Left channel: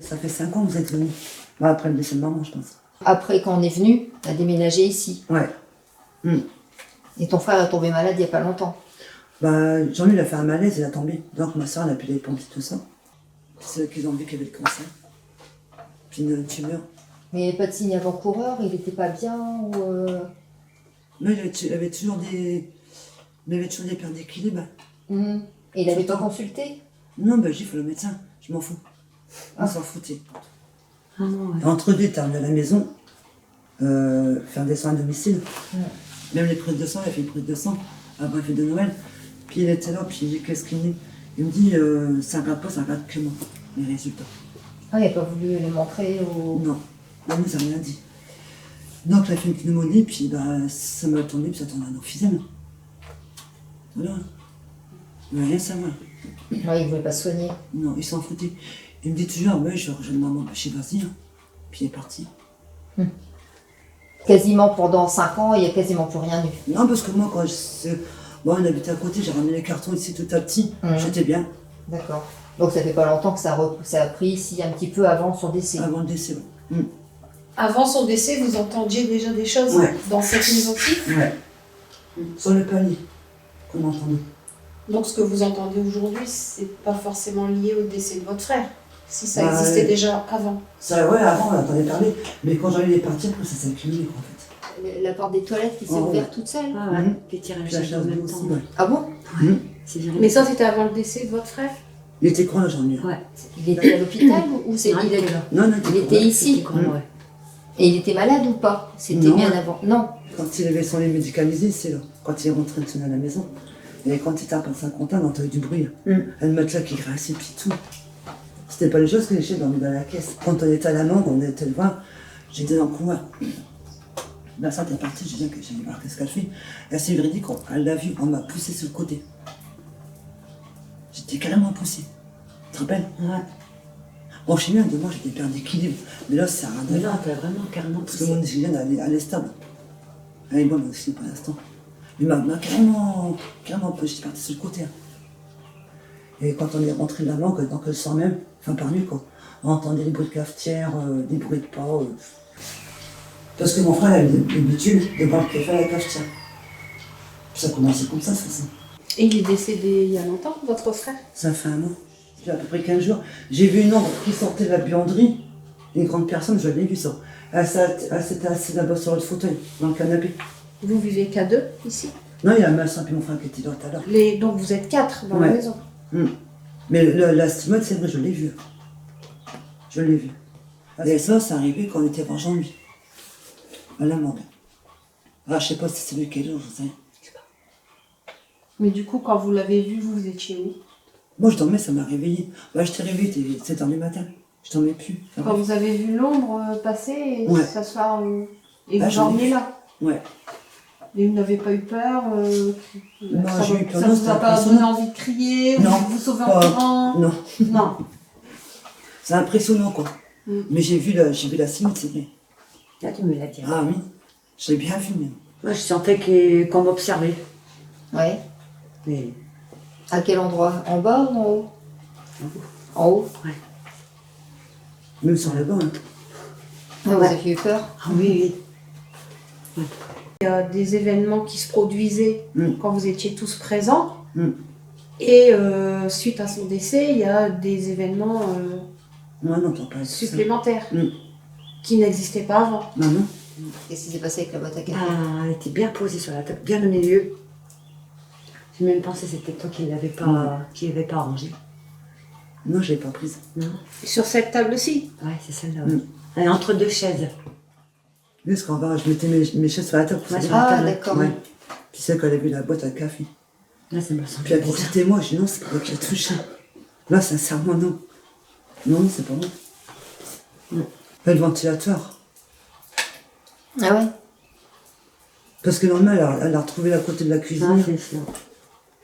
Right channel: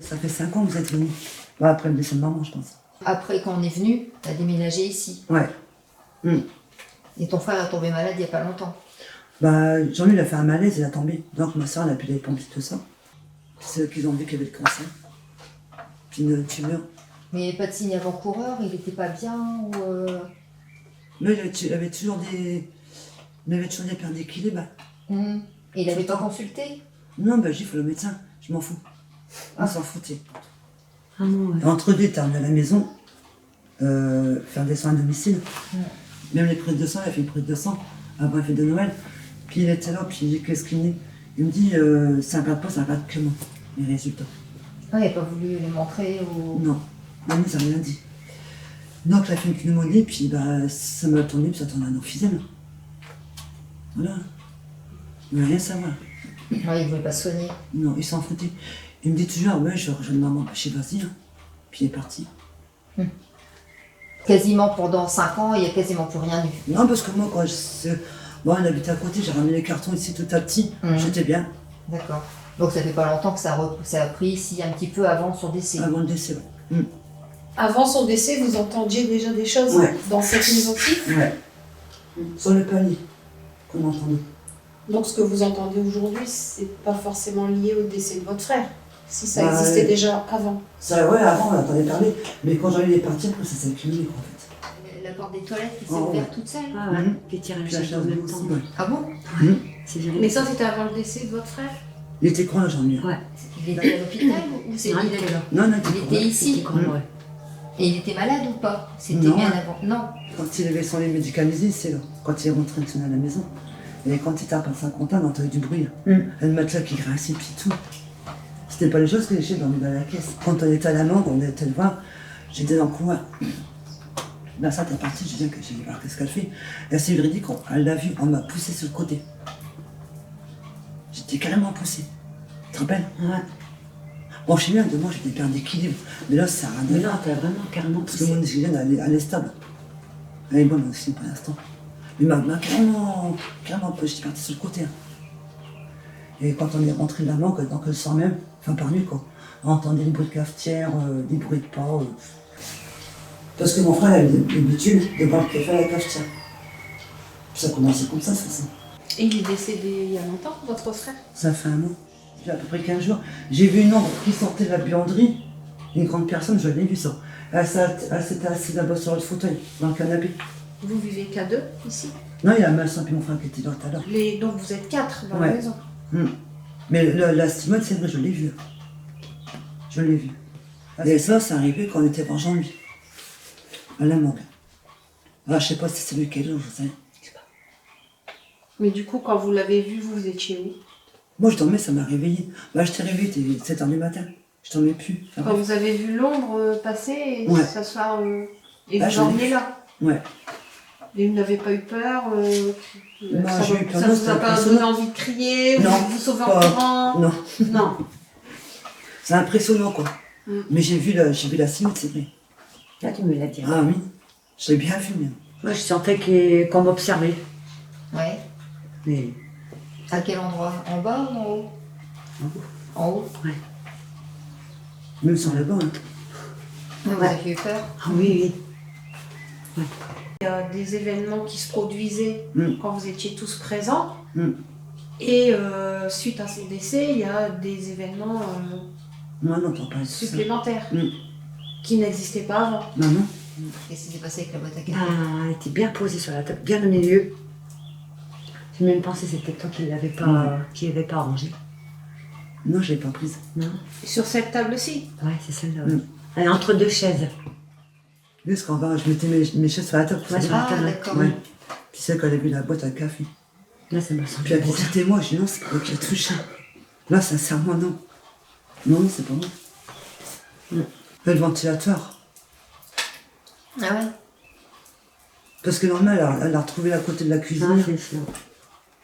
Ça fait 5 ans que vous êtes venus. Bah, après le décès de maman, je pense. Après, quand on est venu, t'as déménagé ici. Ouais. Et ton frère est tombé malade il n'y a pas longtemps. Bah, Jean-Louis, il a fait un malaise, il a tombé. Donc ma soeur, elle a pu les pompiers, tout ça. C'est eux qui ont vu qu'il y avait le cancer. Puis une tumeur. Mais il n'y avait pas de signe avant-coureur, il n'était pas bien ou... Mais il avait toujours des... Il avait toujours des pertes d'équilibre. Et il n'avait pas Tout le temps. consulté? Non, bah, j'ai fait le médecin. Je m'en fous. On s'en foutait. Ah non, ouais. Entre deux, t'es arrivé à la maison, faire des soins à domicile. Même les prises de sang, il a fait une prise de sang avant la fête de Noël. Puis il était là, puis j'ai dit qu'est-ce qu'il dit. Il me dit, ça regarde pas, ça regarde que moi, les résultats. Ah, il n'a pas voulu les montrer ou... Non, non, ça n'a rien dit. Donc il a fait une pneumonie, puis bah, ça m'a tourné, puis ça tourne à un emphysème. Voilà. Il ne veut rien savoir. Ouais, il ne voulait pas se soigner. Non, il s'en foutait. Il me dit toujours, ouais, je rejoins maman, bah, je sais, vas-y, hein. Puis il est parti. Quasiment pendant 5 ans, il n'y a quasiment plus rien eu. Non, parce que moi, quand bon, on habitait à côté, j'ai ramené les cartons ici tout à petit, j'étais bien, D'accord. Donc ça fait pas longtemps que ça a pris ici un petit peu avant son décès. avant le décès. Ouais. Avant son décès, vous entendiez déjà des choses Ouais. dans cette maison-ci. Ouais. Sur le palier qu'on entendait. Donc ce que vous entendez aujourd'hui, c'est pas forcément lié au décès de votre frère. Si ça Bah, existait déjà avant. Ça, ouais, avant, on entendait parler, mais quand j'en ai parti, après, ça s'est accumulé, quoi, en fait. La porte des toilettes qui s'est Oh, ouverte toute seule. Ah ouais, Mhm. les tirages Puis la en chaise même aussi, temps. ouais. Ah bon? C'est viré. Mais ça, c'était avant le décès de votre frère. Il était con, là, j'en ai. Ouais. Il était à l'hôpital ou c'est Non, il était là. Non, non, Il était ici. C'était con, ouais. Et il était malade ou pas? C'était Non. bien avant. Non. Quand il avait son lait médicalisé, c'est là. Quand il est rentré de sonner à la maison. Et quand il tape à Saint-Quentin, on entendait du bruit. Un matelas qui grinçait, puis tout. C'était pas les choses que j'ai dormi dans la caisse. Quand on était à la mangue, on était le voir, j'étais dans le couloir. Là, ça, t'es parti, j'ai dit que j'ai voir qu'est-ce qu'elle fait. Elle s'est véridique, elle l'a vu, on m'a poussé sur le côté. J'étais carrément poussé. Tu te rappelles? Ouais. Bon, chez lui, de moi, j'étais perdu d'équilibre. Mais là, ça a rien Mais à là, voir. t'as vraiment carrément Parce que poussé. mon oxygène, elle est stable. Elle est bonne aussi pour l'instant. Mais m'a carrément poussé, j'étais parti sur le côté. Hein. Et quand on est rentré de la mangue, donc le soir même, enfin par nuit, quoi, on entendait les bruits de cafetière, des bruits de pas. Parce que mon frère avait l'habitude de boire le café à la cafetière. Puis ça commençait comme ça, c'est ça. Et il est décédé il y a longtemps, votre frère. Ça fait un an. Puis à peu près 15 jours. J'ai vu une ombre qui sortait de la buanderie. Une grande personne, je l'ai vu ça. Elle s'était assise là-bas sur le fauteuil, dans le canapé. Vous vivez qu'à deux ici. Non, il y a ma soeur et mon frère qui étaient là tout à l'heure. Donc vous êtes 4 dans Ouais. la maison. Mais la stimate, c'est vrai, je l'ai vu. Je l'ai vu. Et ça, c'est arrivé quand on était voir Jean-Louis. À la mangue. Ah, je sais pas si c'est lui qui est là, je sais. Mais du coup, quand vous l'avez vu, vous étiez où? Moi, je dormais, ça m'a réveillé. Bah, je t'ai réveillé, il était 7h du matin. Je dormais plus. Enfin, Quand bref. vous avez vu l'ombre passer et Ouais. s'asseoir et Ah, vous j'en ai dormiez vu. là. Ouais. Et vous n'avez pas eu peur Non, ça j'ai eu peur, ça non, vous a c'était pas impressionnant. donné envie de crier Non, ou vous sauver en pas- courant? Non, Non. c'est impressionnant, quoi. Mm. Mais j'ai vu la stimate, c'est vrai. Là, tu me l'as dit. Ah oui, je l'ai bien vu, même. Moi, je sentais qu'on m'observait. Ouais. Mais À quel endroit? En bas ou en haut? En haut. Même sur le banc, hein. Vous Ouais. avez eu peur? ah oui, oui. Il y a des événements qui se produisaient quand vous étiez tous présents. Mm. Et suite à son décès, il y a des événements Moi, non, t'en parles de ça. supplémentaires Mm. qui n'existaient pas avant. Non, non. Qu'est-ce qui s'est passé avec la boîte à café? Ah, elle était bien posée sur la table, bien au milieu. J'ai même pensé que c'était toi qui l'avais pas, arrangé. Non, je l'ai pas prise. Non. Et sur cette table-ci. Ouais, c'est celle-là. Mm. Elle est entre deux chaises. Parce qu'en bas, je mettais mes chaises sur la table. Ouais, c'est sur la Ah, table. d'accord. Ouais. Puis c'est quand elle a vu la boîte à café. Là, ça m'a semblé Puis elle dit, bizarre. c'était moi. Je dis, non, c'est pas moi qui l'ai touché. Là, sincèrement, non. Non, c'est pas moi. Le ventilateur. Ah ouais? Parce que normalement, elle a retrouvé à côté de la Ah, cuisine. c'est ça.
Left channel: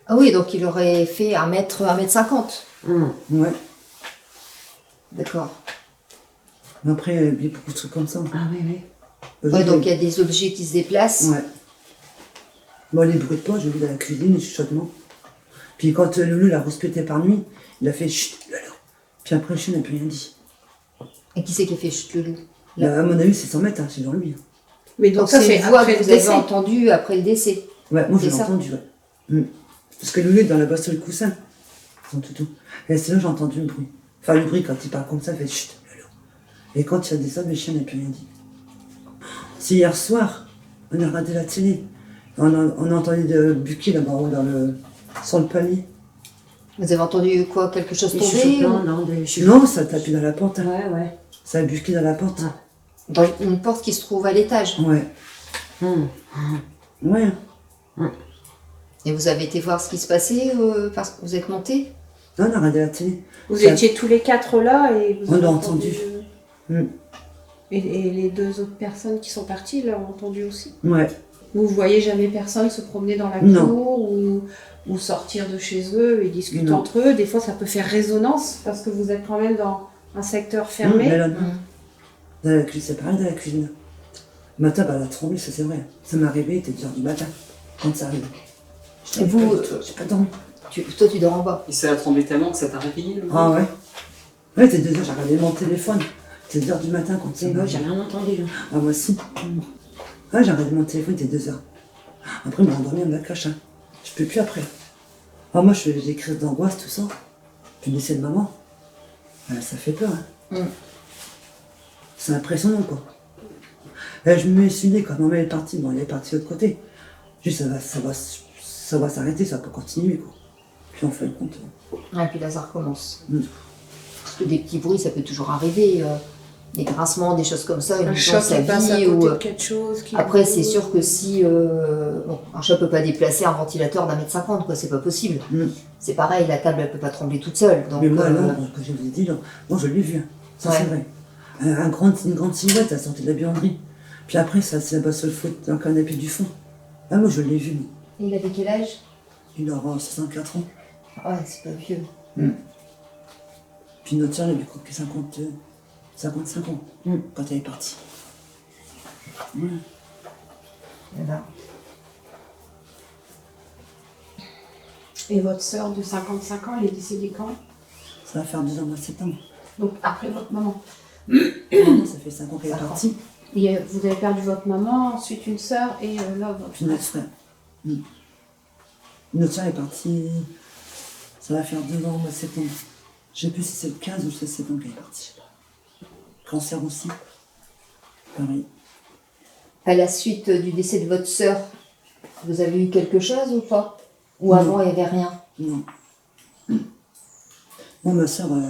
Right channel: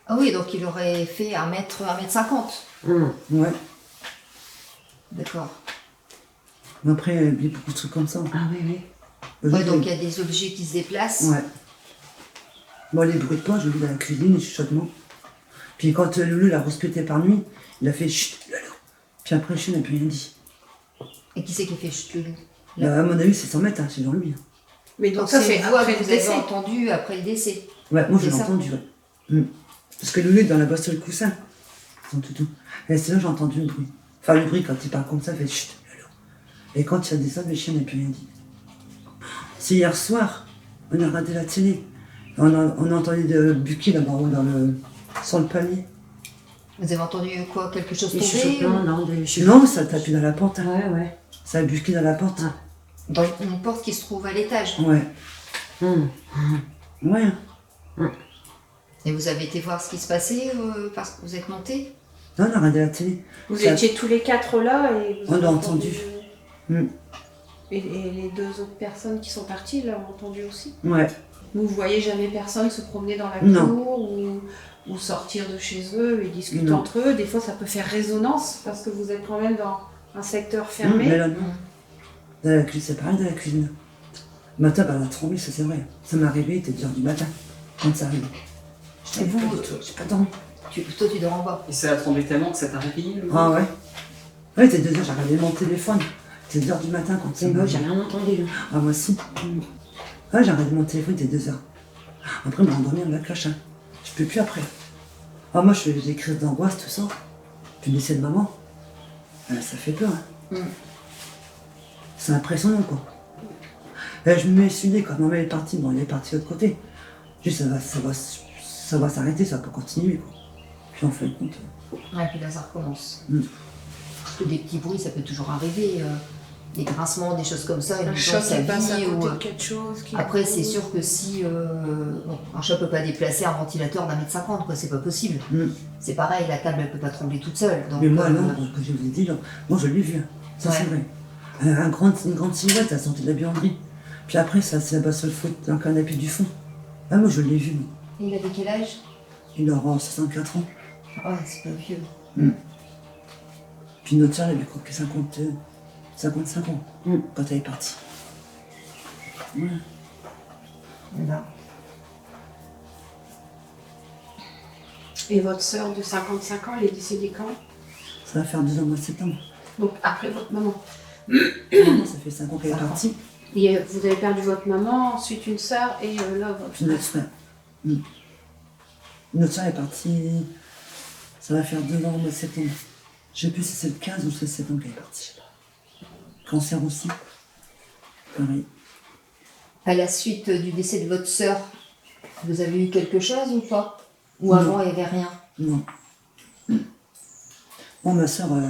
Ah oui, donc il aurait fait 1m50. Ouais. D'accord. Mais après, elle a vu beaucoup de trucs comme ça. Ah oui, oui. Ouais, donc il y a des objets qui se déplacent. Ouais. Bon, les bruits de pas, je vu dans la cuisine, les chuchotements. Puis quand Loulou l'a respecté par nuit, il a fait chut, Loulou. Puis après, le chien n'a plus rien dit. Et qui c'est qui a fait chute le loup? Bah, à mon avis, c'est 100 mètres, hein, c'est dans lui. Mais Donc donc ça, c'est c'est une voix après que le vous avez décès. entendue après le décès. Ouais, moi je C'est l'ai ça. entendu, ouais. Parce que Loulou est dans la bosse sur le coussin, son toutou. Et c'est là j'ai entendu le bruit. Enfin, le bruit, quand il parle comme ça, il fait chut, Loulou. Et quand il a descendu, le chien n'a plus rien dit. C'est hier soir, on a regardé la télé. On a entendu de Bucky là-bas sur le palier. Vous avez entendu quoi? Quelque chose Des tomber chuchotements, ou... non, des Non, ça a tapé dans la porte. Hein. Ouais, ouais. Ça a Bucky dans la porte. Ah. Dans une porte qui se trouve à l'étage. Ouais. Hum. Ouais. Et vous avez été voir ce qui se passait parce que vous êtes monté? Non, on a regardé la télé. Vous Ça- étiez tous les 4 là et vous On avez l'a entendu. Mm. Et les 2 autres personnes qui sont parties l'ont entendu aussi. Ouais. Vous voyez jamais personne se promener dans la Non. cour ou sortir de chez eux et discuter Non. entre eux. Des fois, ça peut faire résonance parce que vous êtes quand même dans un secteur Mais fermé. là, non. Dans la cuisine, c'est pareil dans la cuisine. Le matin, bah, elle a tremblé, ça c'est vrai. Ça m'est arrivé, il était 2h du matin, quand ça arrive. Et vous, J'ai pas dormi. toi tu dors en bas. Et ça a tremblé tellement que ça t'a réveillé le Ah ouais. Ouais, c'était 2h, j'ai regardé mon téléphone. C'était 2h du matin quand ça Et m'est moi, j'ai arrivé. rien entendu. Là. Ah, moi aussi. Ouais, j'ai regardé mon téléphone, il était 2h. Après, je me rendormi à la cloche. Hein. Je peux plus après. Ah, moi, je fais des crises d'angoisse, tout ça. Puis le décès de maman. Ça fait peur. Hein. C'est impressionnant, quoi. Et je me suis dit, quand maman est partie, bon, elle est partie de l'autre côté. Juste, ça va s'arrêter, ça va pas continuer, quoi. Puis en fin de compte. Et puis là ça recommence. Mm. Parce que des petits bruits ça peut toujours arriver. Des grincements, des choses comme ça. Un Une choc sa qui passe à vie. côté Ou... de quelque chose. Qui Après c'est sûr que si bon, un chat peut pas déplacer un ventilateur d'1,50 m, quoi, c'est pas possible. Mm. C'est pareil, la table elle peut pas trembler toute seule. Donc, Mais moi, non, que je vous ai dit, là, moi, je l'ai vu. Hein. Ça, Ouais. c'est vrai. Une grande silhouette, elle sortait de la buanderie. Puis après, ça, c'est là-bas sur le fauteuil, dans le canapé du fond. Ah, moi, je l'ai vu, moi. Et il avait quel âge? Il aura 64 ans. Ouais, c'est pas vieux. Puis notre soeur, elle avait quoi que 55 ans, quand elle est partie. Ouais. Et là. Et votre sœur de 55 ans, elle est décédée quand? Ça va faire 2 ans au mois de septembre. Donc après votre maman. Maman, ça fait 5 ans qu'elle est 5 ans. partie. Et vous avez perdu votre maman, ensuite une sœur et là votre Puis notre frère. Notre soeur est partie. Ça va faire 2 ans au mois de septembre. Je sais plus si c'est le 15 ou le 16 septembre qu'elle est partie. Je sais pas. Cancer aussi. Pareil. À la suite du décès de votre sœur, vous avez eu quelque chose ou pas? Ou Non. avant il n'y avait rien? Non. Moi, ma soeur, de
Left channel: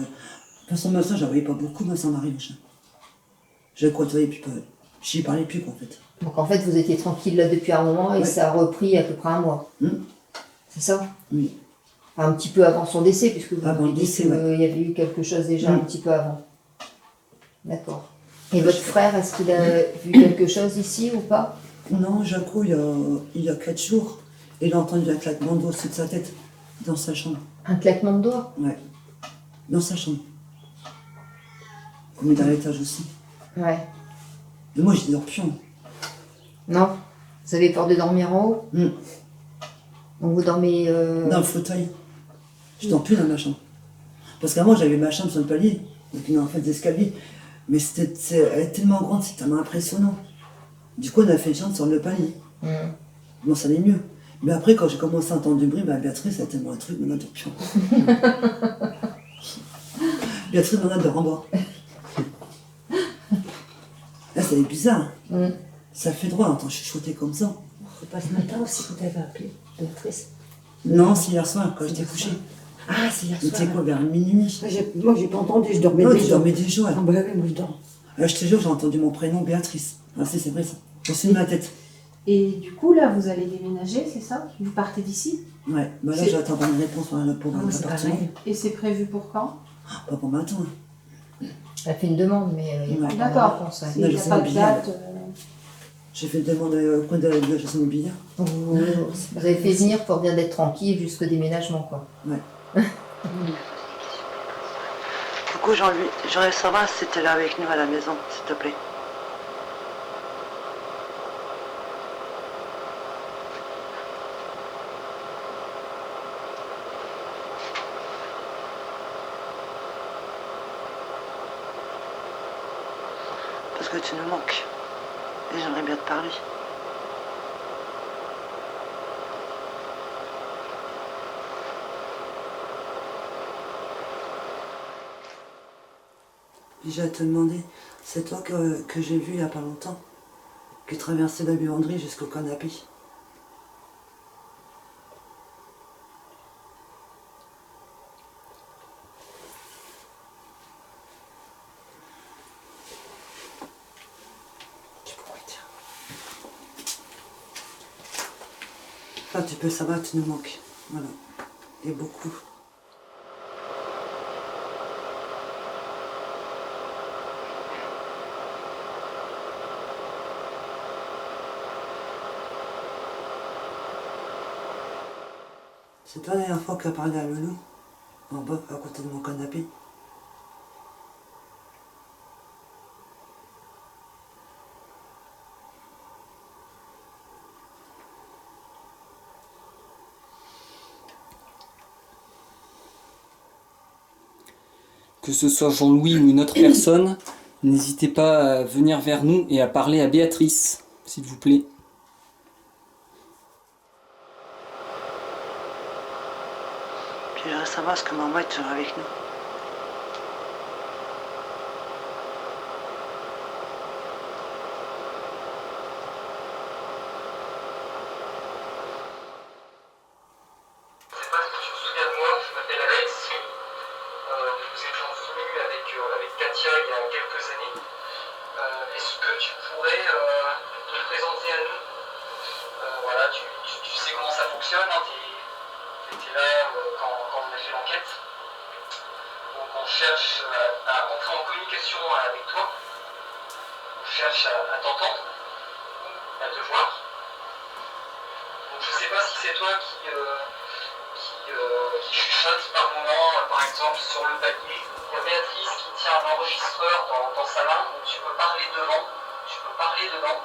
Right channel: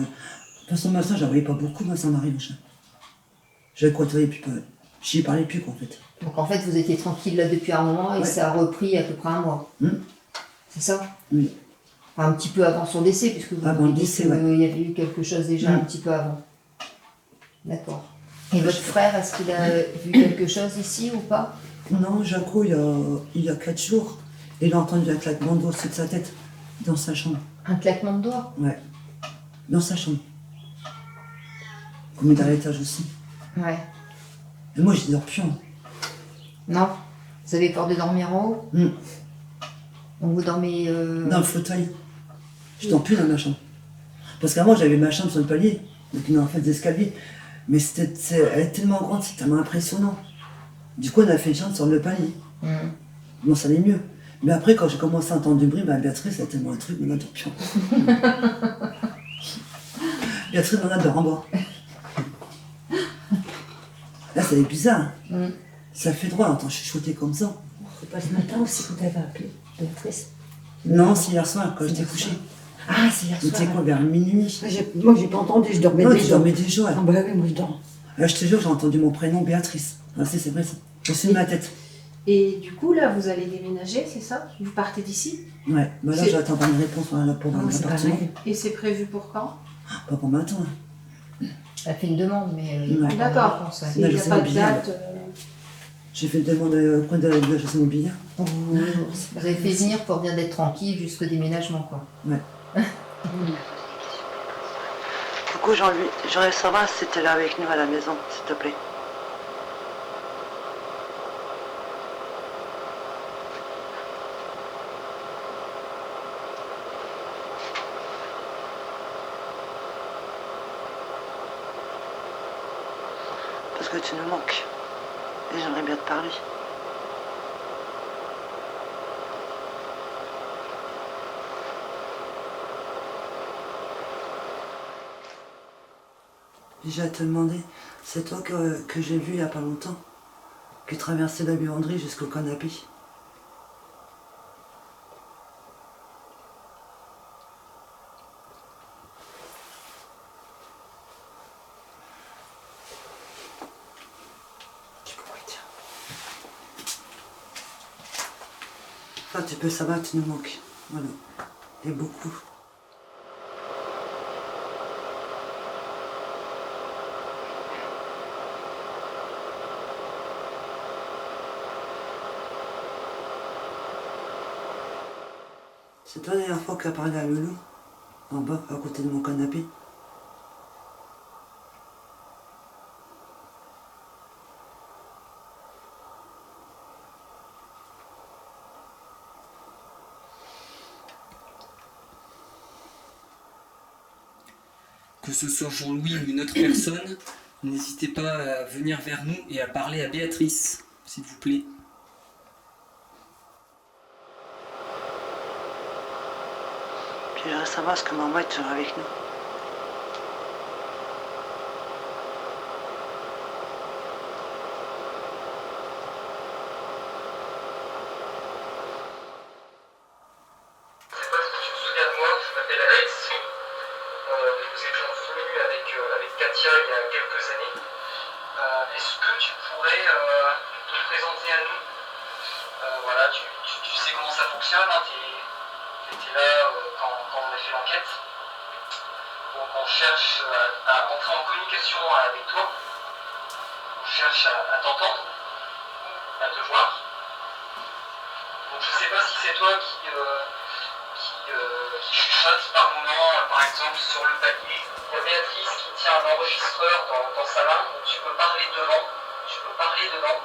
toute façon, ma soeur, je la voyais pas beaucoup, ma soeur Marie, machin. Je la côtoyais plus, j'y parlais plus, quoi, en fait. Donc en fait vous étiez tranquille là depuis un moment et Ouais. ça a repris à peu près un mois. C'est ça? Oui. Enfin, un petit peu avant son décès, puisque vous Avant avez le dit décès, qu'il ouais. y avait eu quelque chose déjà un petit peu avant. D'accord. Et votre je- frère, est-ce qu'il a vu quelque chose ici ou pas? Non, Jaco, il y a 4 jours, il a entendu un claquement d'eau au-dessus de sa tête, dans sa chambre. Un claquement de doigts? Ouais. Dans sa chambre. Comme dans l'étage aussi. Ouais. Et moi, j'y dors plus. Hein. Non? Vous avez peur de dormir en haut? Mm. Donc vous dormez... Dans le fauteuil. Je dors plus dans ma chambre. Parce qu'avant, j'avais ma chambre sur le palier, donc il y a en fait des escaliers. Mais elle est tellement grande, c'est tellement impressionnant. Du coup, on a fait une chambre sur le palier. Bon, ça allait mieux. Mais après, quand j'ai commencé à entendre du bruit, bah, Béatrice, elle a tellement un truc, on a dort plus. Béatrice, on a dort en bas. Là, c'est bizarre. Hein. Ça fait droit, on entend chuchoter comme ça. C'est pas ce matin aussi que tu avais appelé, Béatrice? Non, c'est hier soir, quand j'étais Hier couché. soir. Ah, c'est hier Tu sais soir. quoi, vers minuit. Moi, j'ai pas entendu, je dormais Non, tu déjà. dormais déjà. Ah, bah oui, moi, je dors. Je te jure, j'ai entendu mon prénom, Béatrice. Ah, c'est vrai ça. Au-dessus de ma tête. Et du coup, là, vous allez déménager, c'est ça? Vous partez d'ici? Ouais, bah là, C'est- j'attends une réponse pour Ah, un c'est appartement. pareil. Et c'est prévu pour quand? Pas pour maintenant. Hein. Elle a fait une demande, mais il n'y a Ouais. pas de D'accord. réponse, ouais. Il n'y a c'est pas de immobilier. date. J'ai fait une demande au coin de la chasse immobilière. Vous avez fait venir pour bien d'être tranquille jusqu'au déménagement, quoi. Ouais. Puis j'ai à te demander, c'est toi que j'ai vu il n'y a pas longtemps, qui traversait la buanderie jusqu'au canapé. Enfin, tu peux savoir, tu nous manques. Voilà. Et beaucoup. C'est toi la dernière fois qui as parlé à Loulou, en bas, à côté de mon canapé. Que ce soit Jean-Louis ou une autre personne, n'hésitez pas à venir vers nous et à parler à Béatrice, s'il vous plaît. Je sais pas si tu te souviens de moi, je m'appelle Alex. Nous étions venus avec Katia il y a quelques années. Est-ce que tu pourrais te présenter à nous? Voilà, tu sais comment ça fonctionne, hein, tu étais là quand on a fait l'enquête. Donc on cherche à entrer en communication avec toi. On cherche à t'entendre, à te voir. Donc je sais pas si c'est toi qui chuchote par moment, par exemple sur le palier. Il y a Béatrice qui tient un enregistreur dans sa main, donc tu peux parler devant, tu peux parler dedans.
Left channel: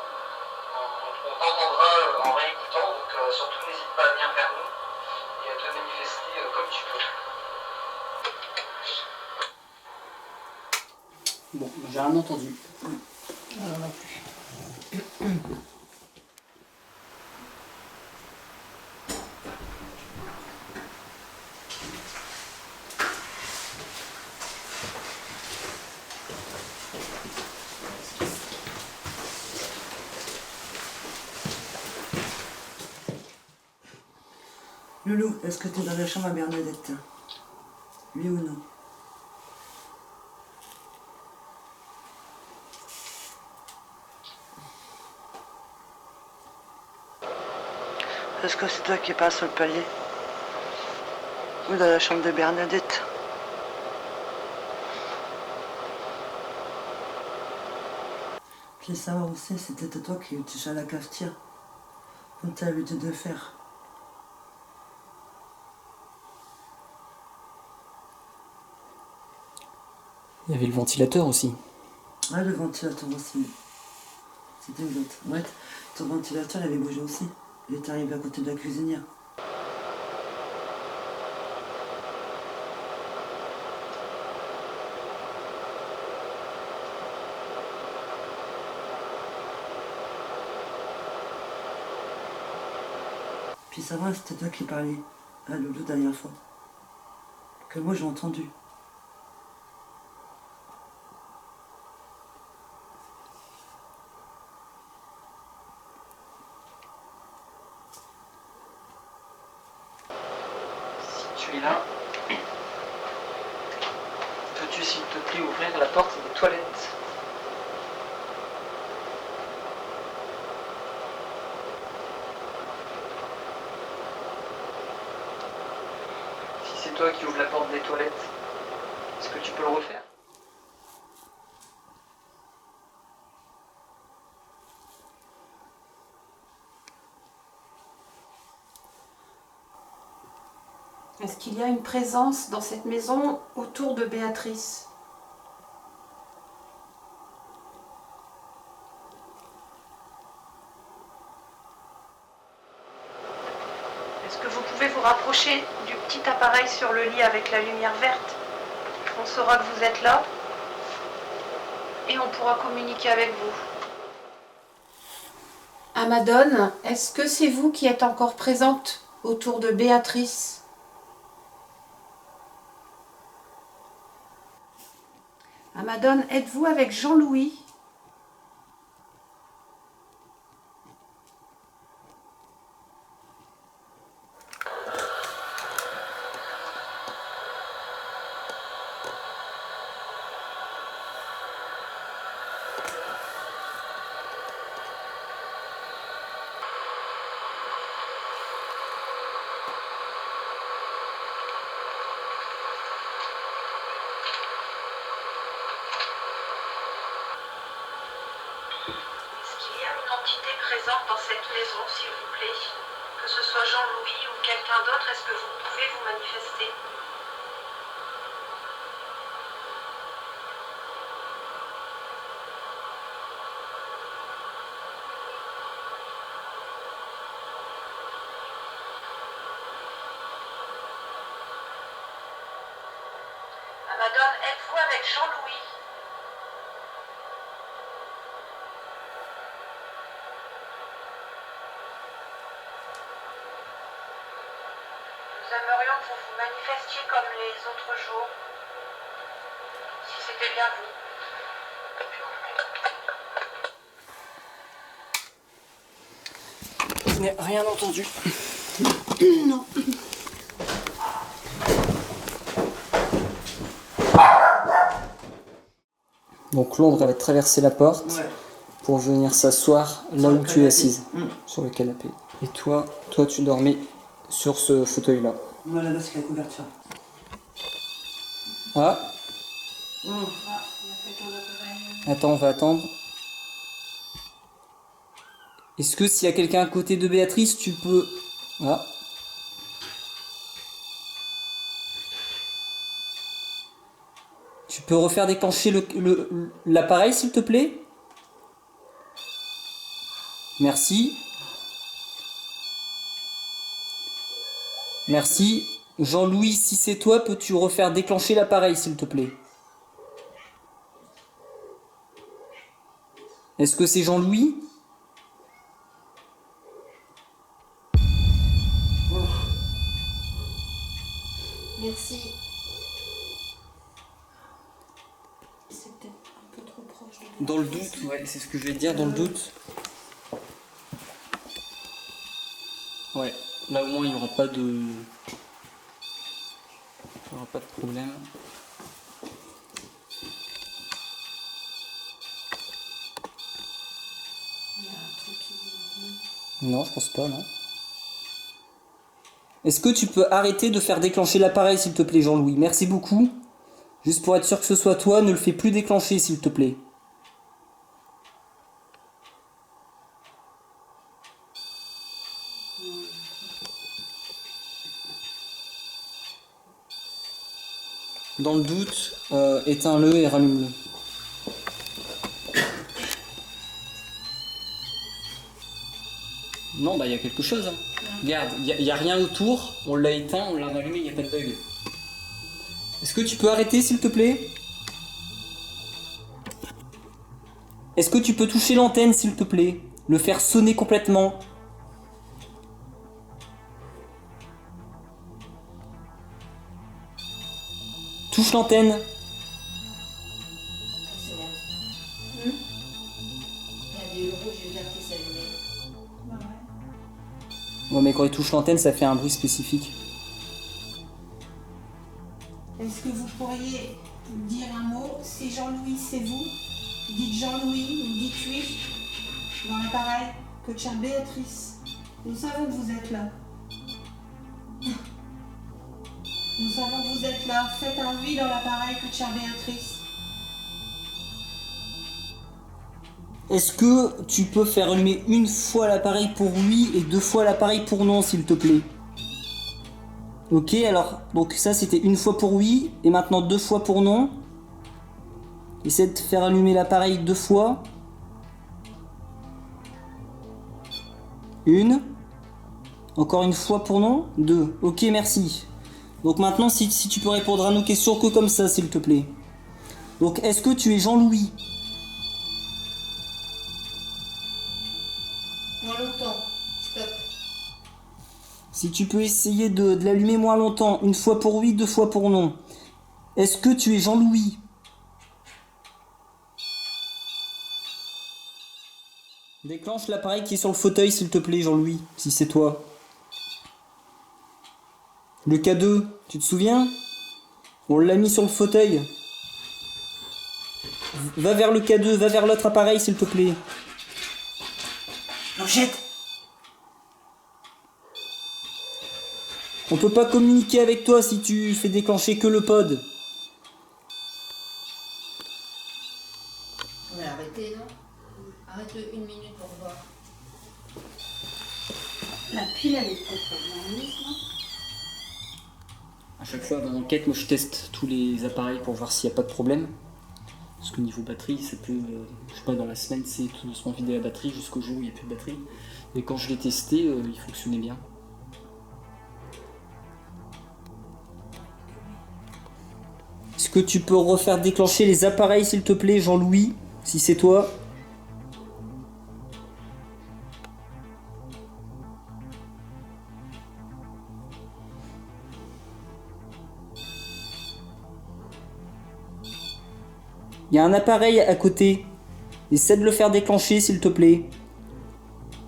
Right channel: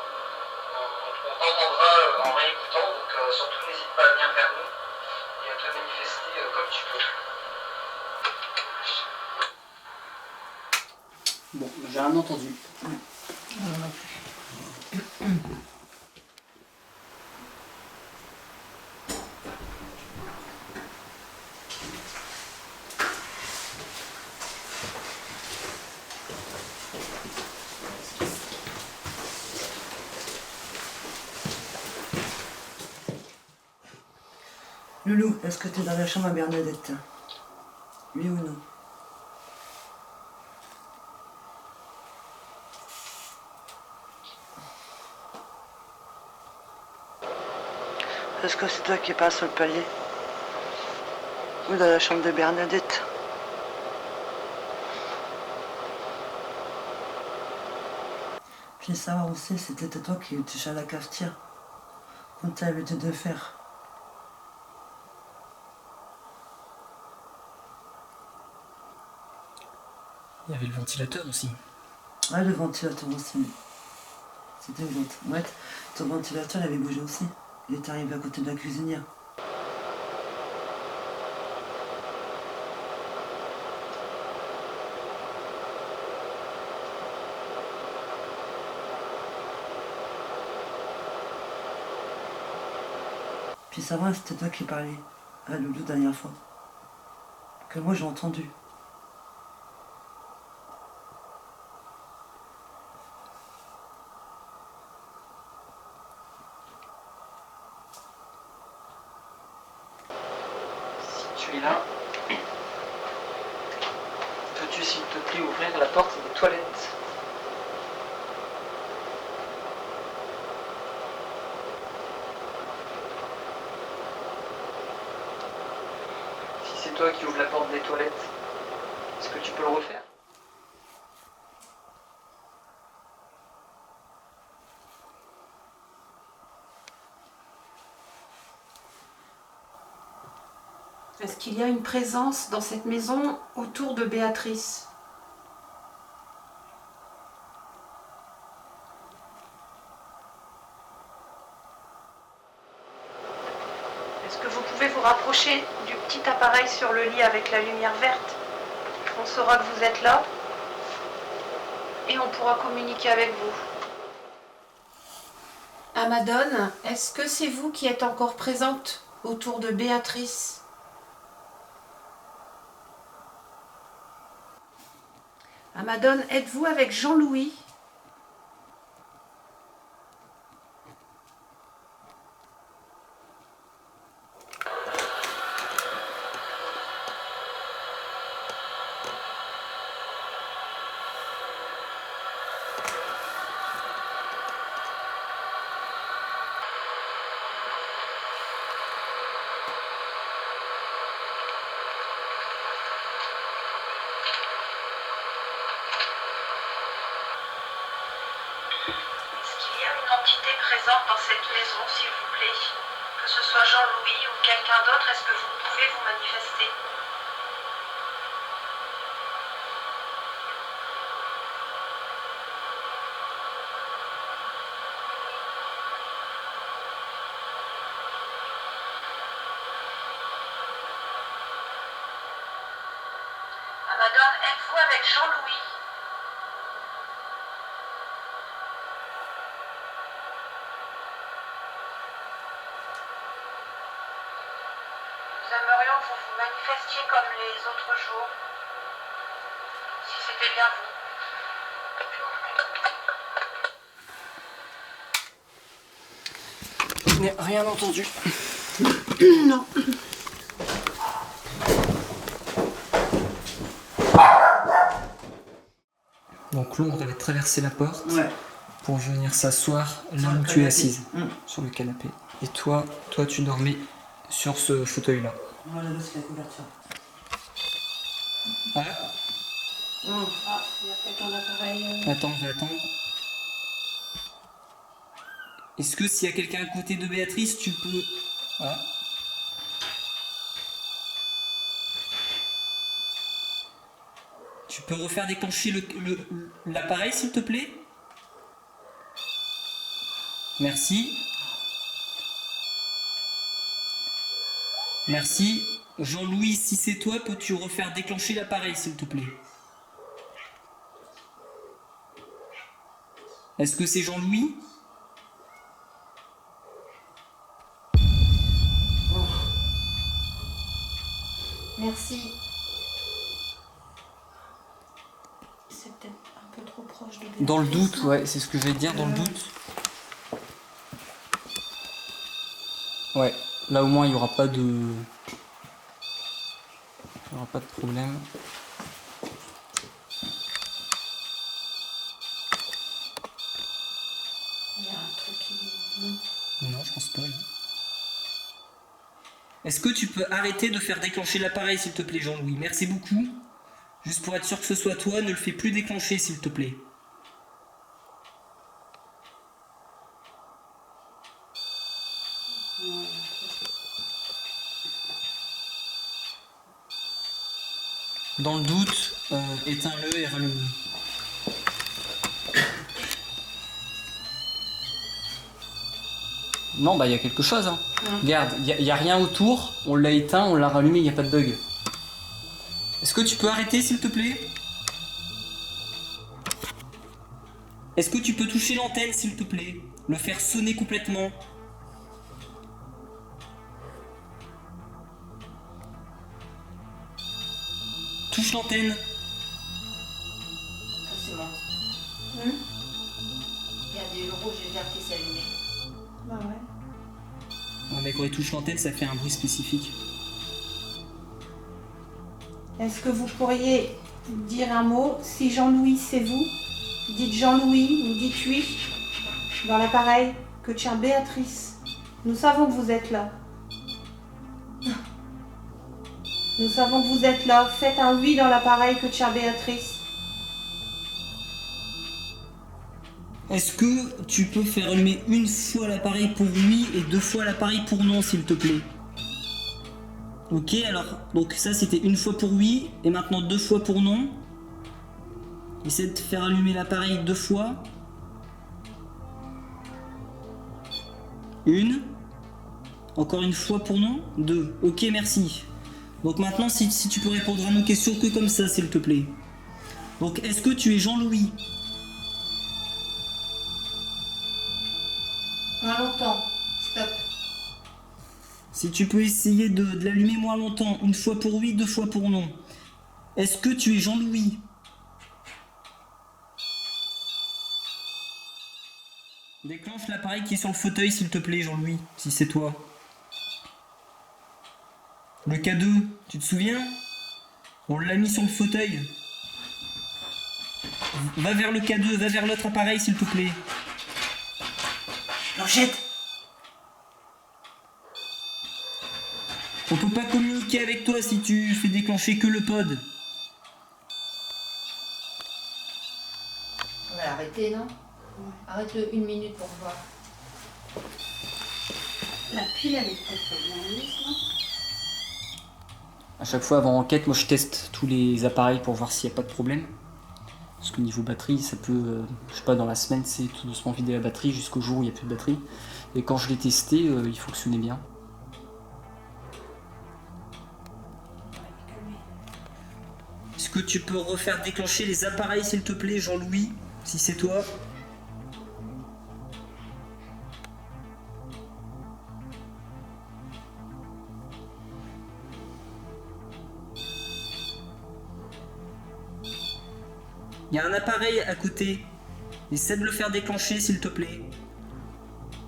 On t'entendra en réécoutant, donc surtout n'hésite pas à venir vers nous et à te manifester comme tu peux. Bon, j'ai rien entendu. Loulou, est-ce que tu es dans la chambre à Bernadette? Oui ou non? Je veux savoir aussi, c'était toi qui touchais à la cafetière, comme tu as l'habitude de faire. Il y avait le ventilateur aussi. Ah, le ventilateur aussi. C'était une autre. Ouais, ton ventilateur, il avait bougé aussi. Il est arrivé à côté de la cuisinière. Puis ça va, c'était toi qui parlais à Loulou la dernière fois. Que moi j'ai entendu. Est-ce qu'il y a une présence dans cette maison autour de Béatrice? Amadone, est-ce que c'est vous qui êtes encore présente autour de Béatrice? Amadone, êtes-vous avec Jean-Louis? Entité présente dans cette maison, s'il vous plaît. Que ce soit Jean-Louis ou quelqu'un d'autre, est-ce que vous pouvez vous manifester? Amadone, êtes-vous avec Jean-Louis? Nous aimerions que vous vous manifestiez comme les autres jours, si c'était bien vous. Je n'ai rien entendu. Non. Donc l'ombre, elle va traverser la porte Ouais. pour venir s'asseoir là Sur où le tu es canapé. assise, Mm. sur le canapé. Et toi, tu dormais sur ce fauteuil-là. Voilà, là, c'est la couverture. Ah, Ah, il y a peut-être un appareil. attends, on va attendre. Est-ce que s'il y a quelqu'un à côté de Béatrice, tu peux... Ah. Tu peux refaire déclencher l'appareil, s'il te plaît? Merci. Merci. Jean-Louis, si c'est toi, peux-tu refaire déclencher l'appareil, s'il te plaît? Est-ce que c'est Jean-Louis? Merci. C'est peut-être un peu trop proche de Dans le Béatrice, doute, non? ouais, c'est ce que je vais te dire, dans le doute. Ouais, là au moins il n'y aura pas de... Il n'y aura pas de problème. Il y a un truc qui... Non, je pense pas, non. Est-ce que tu peux arrêter de faire déclencher l'appareil, s'il te plaît, Jean-Louis? Merci beaucoup. Juste pour être sûr que ce soit toi, ne le fais plus déclencher, s'il te plaît. Dans le doute, éteins-le et rallume-le. Non, bah il y a quelque chose. Hein. Regarde, il y a rien autour, on l'a éteint, on l'a rallumé, il n'y a pas de bug. Est-ce que tu peux arrêter, s'il te plaît? Est-ce que tu peux toucher l'antenne, s'il te plaît? Le faire sonner complètement? Touche l'antenne. C'est bon. Regardez le rouge et le vert qui s'est allumé. Bah ouais. Ouais, mais quand il touche l'antenne, ça fait un bruit spécifique. Est-ce que vous pourriez dire un mot? Si Jean-Louis, c'est vous, dites Jean-Louis ou dites oui dans l'appareil que tient Béatrice. Nous savons que vous êtes là. Nous savons que vous êtes là. Faites un oui dans l'appareil que tient Béatrice. Est-ce que tu peux faire allumer une fois l'appareil pour oui et 2 fois l'appareil pour non, s'il te plaît? Ok, alors, donc ça c'était une fois pour oui, et maintenant 2 fois pour non. Essaie de faire allumer l'appareil 2 fois. 1. Encore une fois pour non. 2. Ok, merci. Donc maintenant, si tu peux répondre à nos questions que comme ça, s'il te plaît. Donc, est-ce que tu es Jean-Louis? Moins longtemps. Stop. Si tu peux essayer de l'allumer moins longtemps, une fois pour oui, 2 fois pour non. Est-ce que tu es Jean-Louis? Déclenche l'appareil qui est sur le fauteuil, s'il te plaît, Jean-Louis, si c'est toi. Le K2, tu te souviens? On l'a mis sur le fauteuil. Va vers le K2, va vers l'autre appareil, s'il te plaît. Blanchette! On peut pas communiquer avec toi si tu fais déclencher que le pod. On va l'arrêter, non? Arrête-le 1 minute pour voir. La pile, elle est peut-être bien mise, non? À chaque fois avant enquête, moi je teste tous les appareils pour voir s'il n'y a pas de problème. Parce que niveau batterie, ça peut, je sais pas, dans la semaine, c'est tout doucement vider la batterie jusqu'au jour où il n'y a plus de batterie. Et quand je l'ai testé, il fonctionnait bien. Est-ce que tu peux refaire déclencher les appareils, s'il te plaît, Jean-Louis, si c'est toi? Il y a un appareil à côté. Essaie de le faire déclencher, s'il te plaît.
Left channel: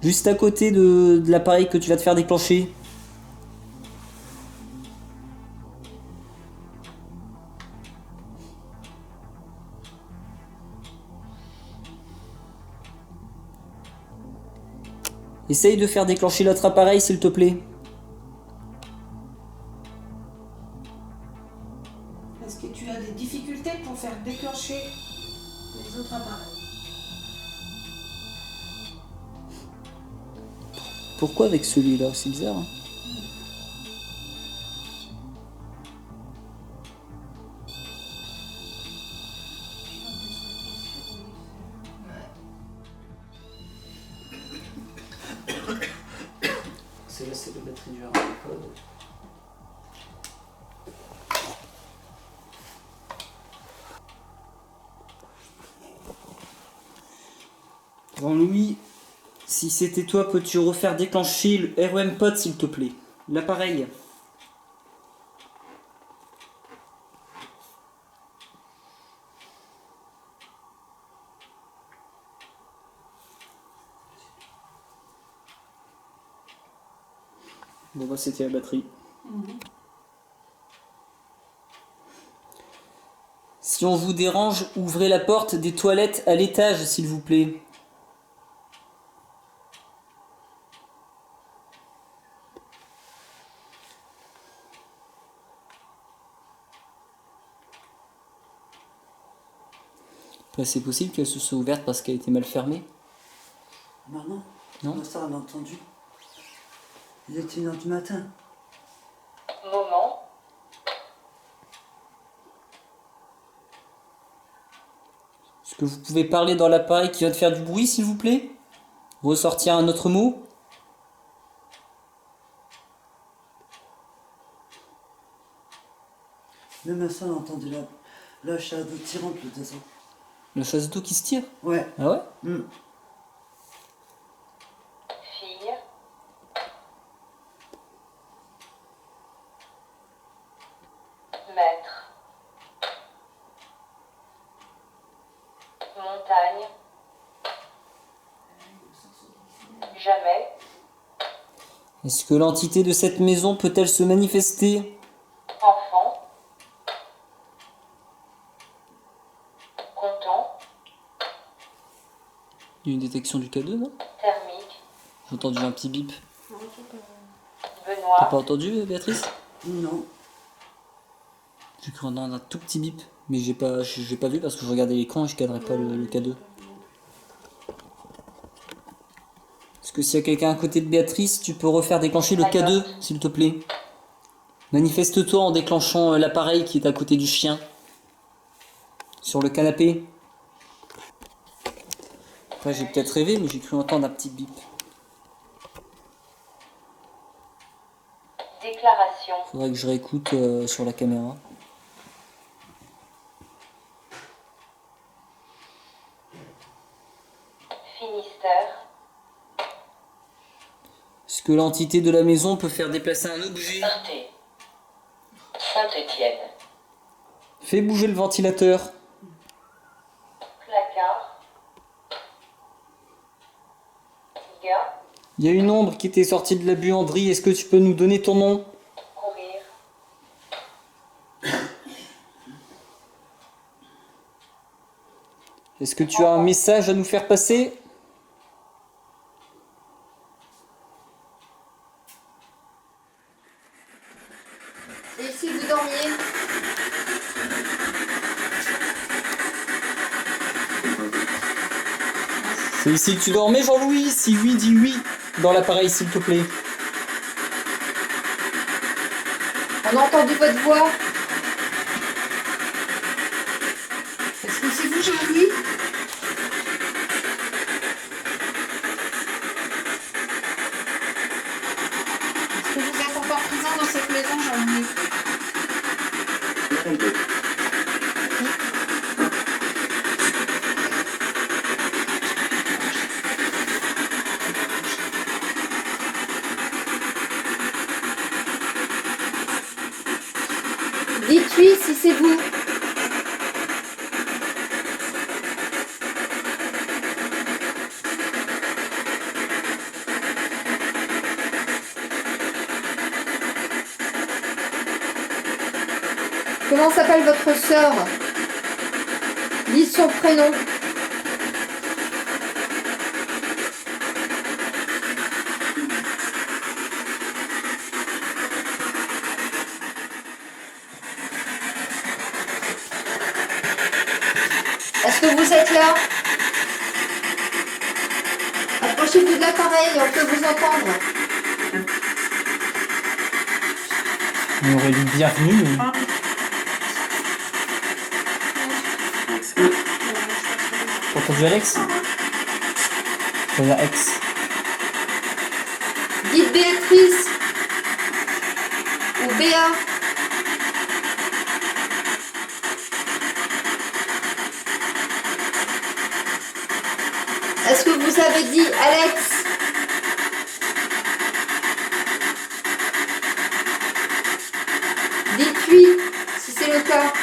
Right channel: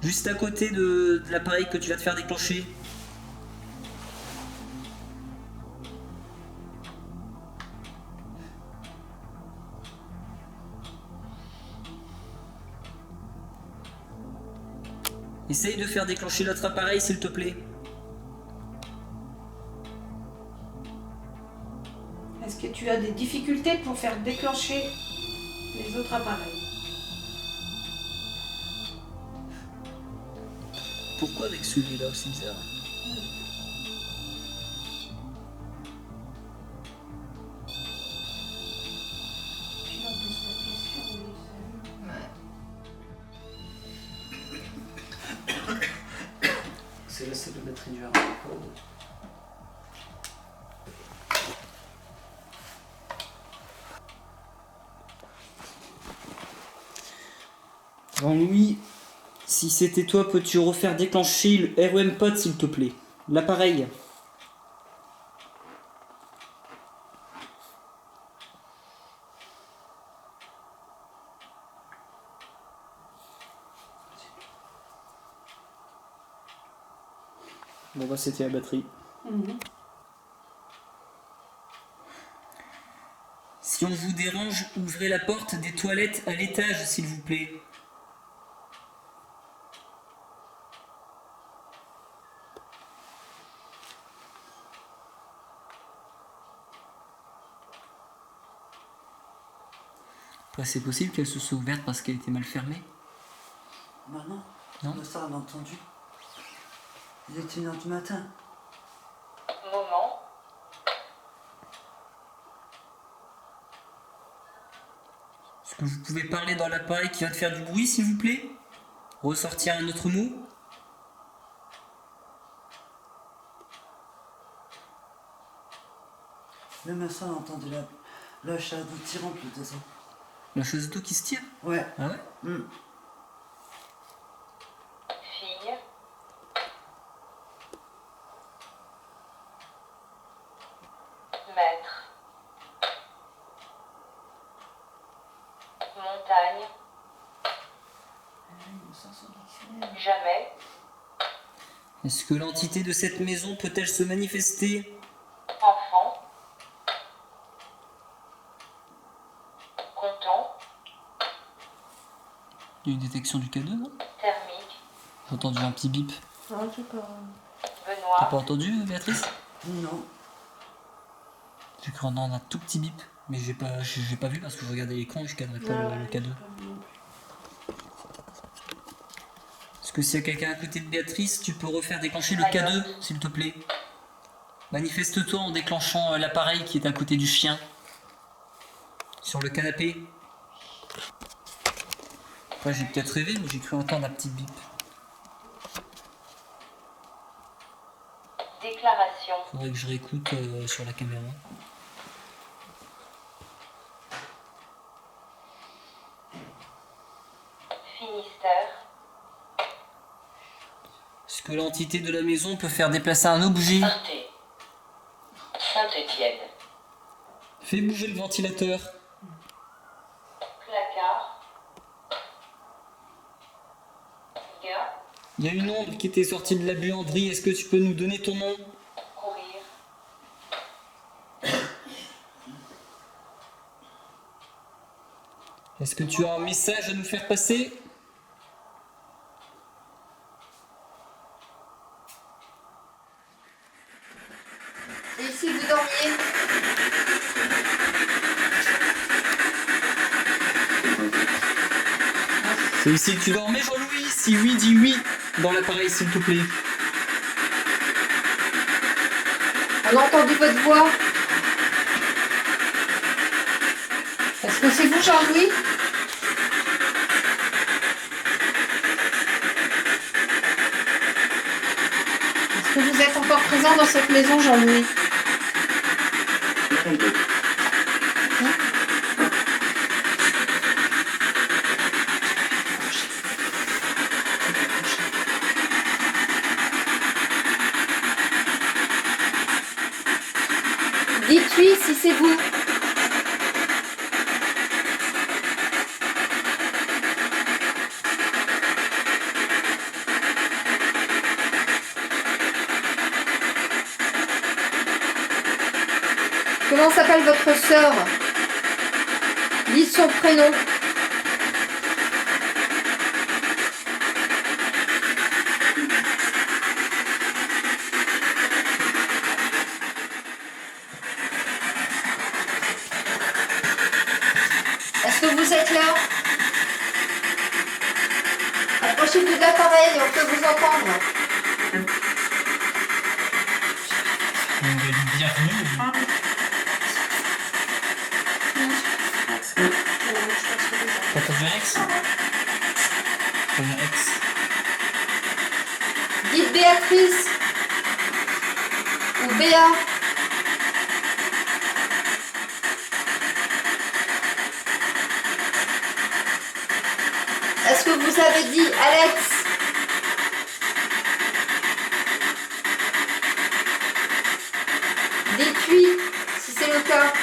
Juste à côté de l'appareil que tu vas te faire déclencher. Essaye de faire déclencher l'autre appareil, s'il te plaît. Est-ce que tu as des difficultés pour faire déclencher les autres appareils? Pourquoi avec celui-là? C'est bizarre. C'est là, c'est la batterie du hardcode. Jean-Louis, si c'était toi, peux-tu refaire déclencher le REM pod, s'il te plaît? L'appareil. Bon bah c'était la batterie. Si on vous dérange, ouvrez la porte des toilettes à l'étage, s'il vous plaît. Après, c'est possible qu'elle se soit ouverte parce qu'elle était mal fermée. Bah non. Non. Ça, on a entendu. Il était 1h du matin. Moment. Est-ce que vous pouvez parler dans l'appareil qui va te faire du bruit, s'il vous plaît? Ressortir un autre mot? Même à ça, on entendait la chasse d'eau tirante le désordre. La chasse d'eau qui se tire? Ouais. Ah ouais? Fille. Maître. Montagne. Jamais. Est-ce que l'entité de cette maison peut-elle se manifester? Enfant. Content. Il y a une détection du K2, non? Thermique. J'ai entendu un petit bip. Non, je sais pas. T'as Benoît. pas entendu, Béatrice? Non. J'ai cru entendre un tout petit bip, mais j'ai pas vu parce que je regardais l'écran et je cadrais pas le K2. Est-ce que s'il y a quelqu'un à côté de Béatrice, tu peux refaire déclencher le K2, s'il te plaît? Manifeste-toi en déclenchant l'appareil qui est à côté du chien. Sur le canapé. Après, j'ai peut-être rêvé, mais j'ai cru entendre un petit bip. Déclaration. Faudrait que je réécoute sur la caméra. Finistère. Est-ce que l'entité de la maison peut faire déplacer un objet? Sainté. Saint-Étienne. Fais bouger le ventilateur. Placard. Il y a une ombre qui était sortie de la buanderie. Est-ce que tu peux nous donner ton nom? Courir. Est-ce que tu as un message à nous faire passer? Et ici, vous dormiez? C'est ici que tu dormais, Jean-Louis? Si oui, dis oui dans l'appareil, s'il te plaît. On a entendu votre voix. Est-ce que c'est vous, Jean-Louis? Est-ce que vous êtes encore présent dans cette maison, Jean-Louis? Dites oui si c'est vous. Comment s'appelle votre sœur? Dites son prénom. Est-ce que vous êtes là? Approchez-vous de l'appareil, on peut vous entendre. On aurait dit bienvenue. T'as entendu Alex? Ça veut dire ex. Dites Béatrice. Ou Béa. Est-ce que vous avez dit Alex? Dites oui, si c'est le cas.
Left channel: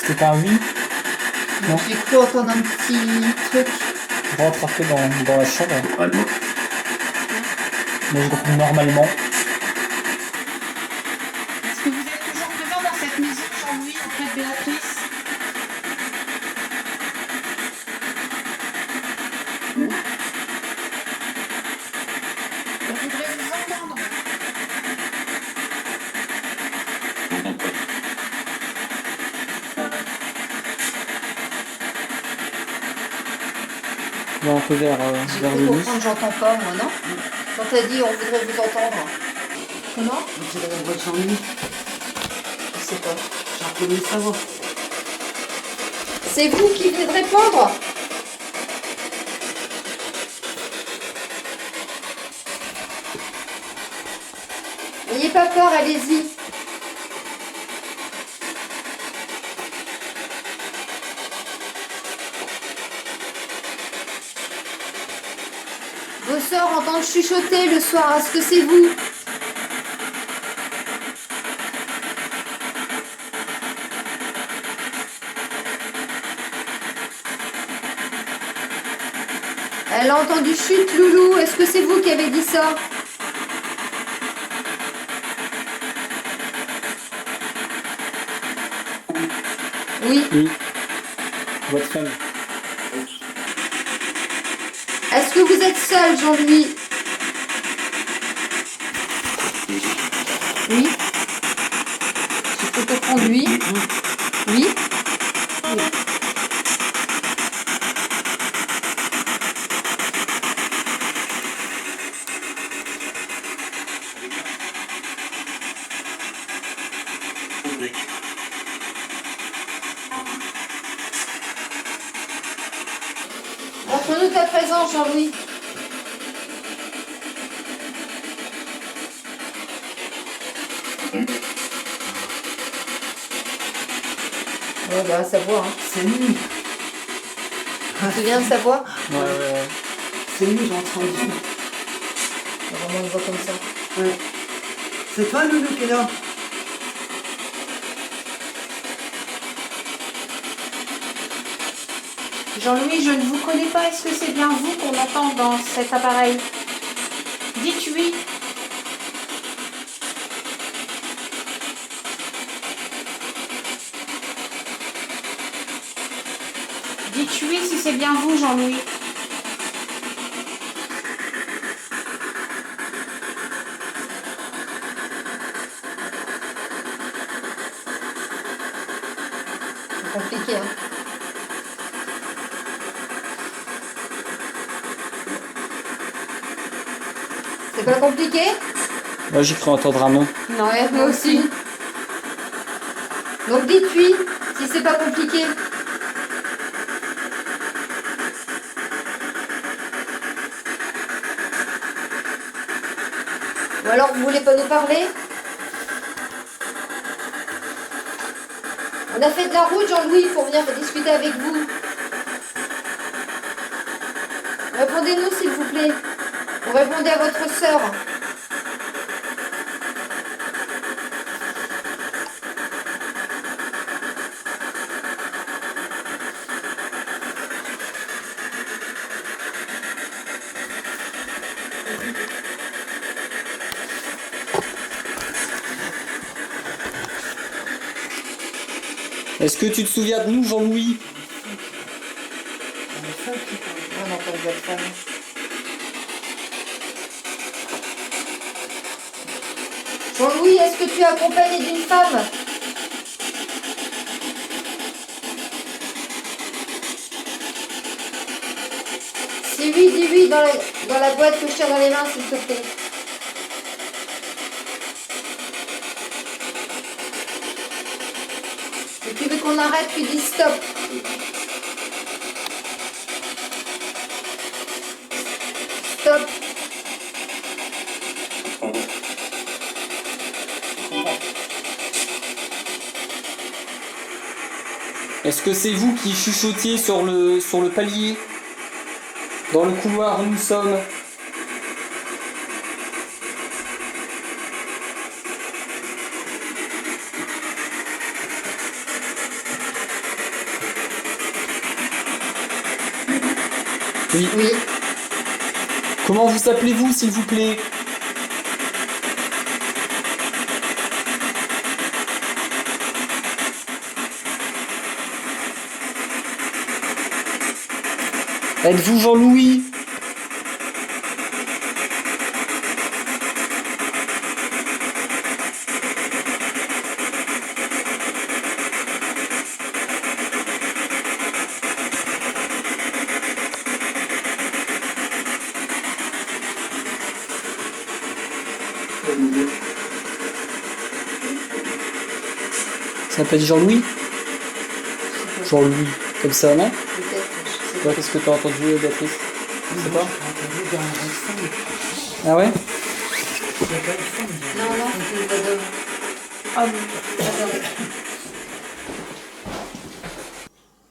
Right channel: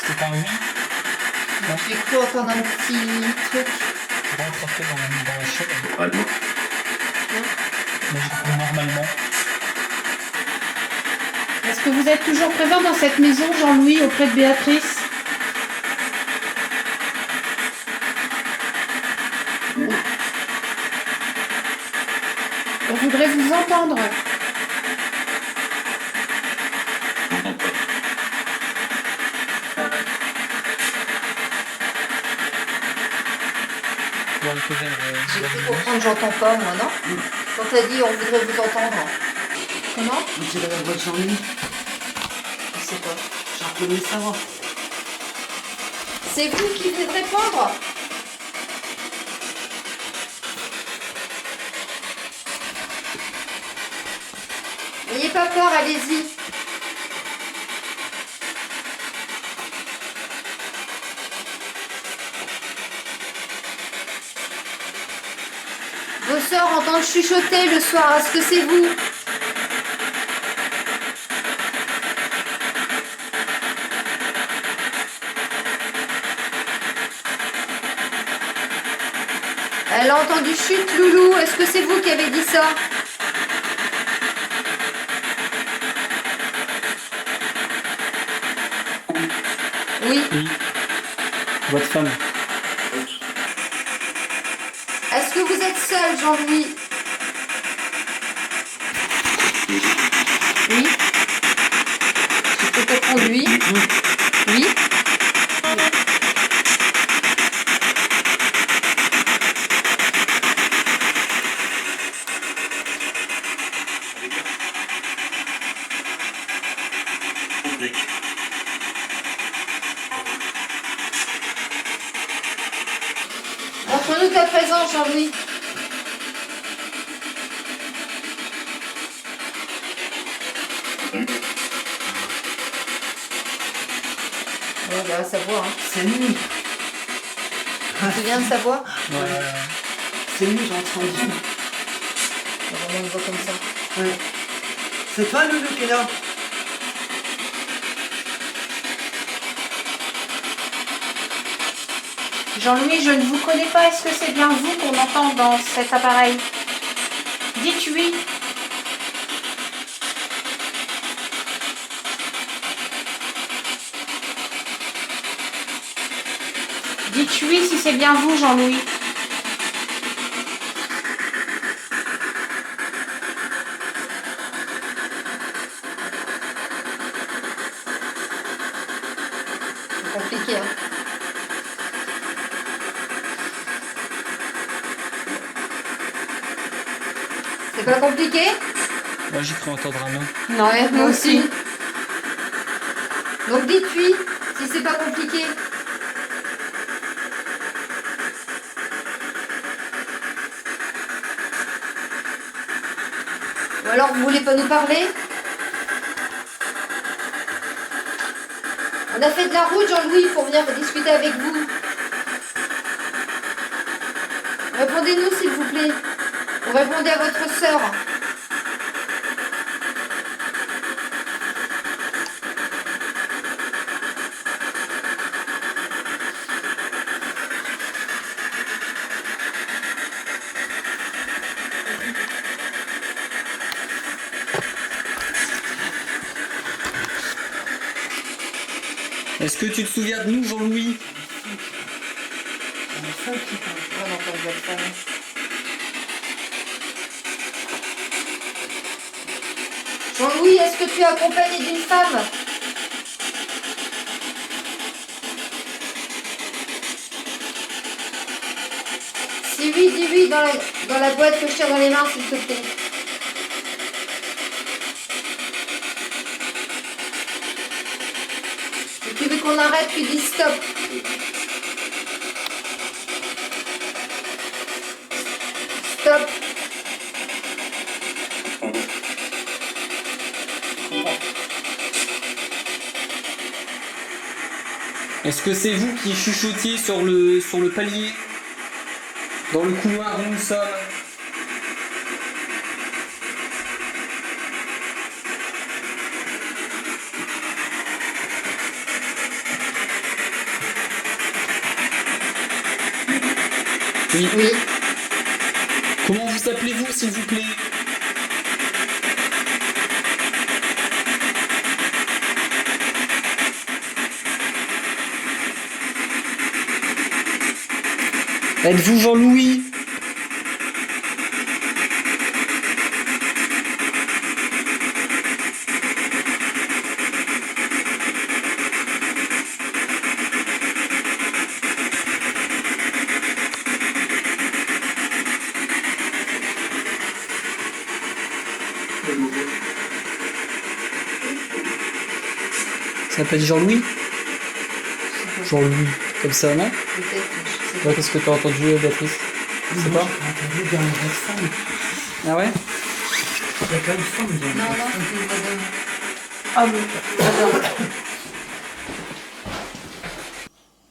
C'était pas un oui? Non. J'ai cru entendre un petit truc. Rentre dans la chambre. Mais je réponds normalement. Est-ce que vous êtes toujours présent dans cette maison, Jean-Louis, auprès de Béatrice? On voudrait vous entendre. Je vais un peu vers J'ai cru le comprendre, j'entends pas, moi, non? Quand t'as dit on voudrait vous entendre. Comment? On dirait la voix de Jean-Louis. Je sais pas. J'ai reconnu sa voix. C'est vous qui venez de répondre? N'ayez pas peur, allez-y. Vos sœurs entendent chuchoter le soir. Est-ce que c'est vous? Elle a entendu chute, Loulou. Est-ce que c'est vous qui avez dit ça? Oui. Oui. Votre femme. Est-ce que vous êtes seul, Jean-Louis? Oui. Je peux comprendre lui. Oui. Montre-nous ta présence, Jean-Louis. Ouais, bah, sa voix, hein. C'est lui. Tu te souviens de sa voix? Ouais. C'est lui, j'ai entendu. Vraiment une voix comme ça. Ouais. C'est toi, Loulou, qui est là? Jean-Louis, je ne vous connais pas. Est-ce que c'est bien vous qu'on entend dans cet appareil? Dites oui. Dites oui si c'est bien vous, Jean-Louis. C'est compliqué, hein. C'est pas compliqué? Moi, j'ai cru entendre un nom. Non, Ouais, moi aussi. Donc dites oui, si c'est pas compliqué. Ou alors vous voulez pas nous parler? On a fait de la route, Jean-Louis, pour venir discuter avec vous. Répondez-nous, s'il vous plaît. Vous répondez à votre sœur. Est-ce que tu te souviens de nous, Jean-Louis? On entend votre femme. Jean-Louis, est-ce que tu es accompagné d'une femme? Si oui, dis oui dans la boîte que je tiens dans les mains, s'il te plaît. Et tu veux qu'on arrête, tu dis stop. Stop. Est-ce que c'est vous qui chuchotiez sur le palier? Dans le couloir où nous sommes? Oui. Oui. Comment vous appelez-vous, s'il vous plaît? Êtes-vous Jean-Louis? Ça s'appelle Jean-Louis? Jean-Louis, comme ça, non? Peut-être, je sais Ouais, qu'est-ce que t'as entendu, Béatrice? Je sais pas. J'ai entendu dans la femme. Ah ouais? Il y a pas une femme. pas. Non, non, c'est une madame. Ah oui, j'adore.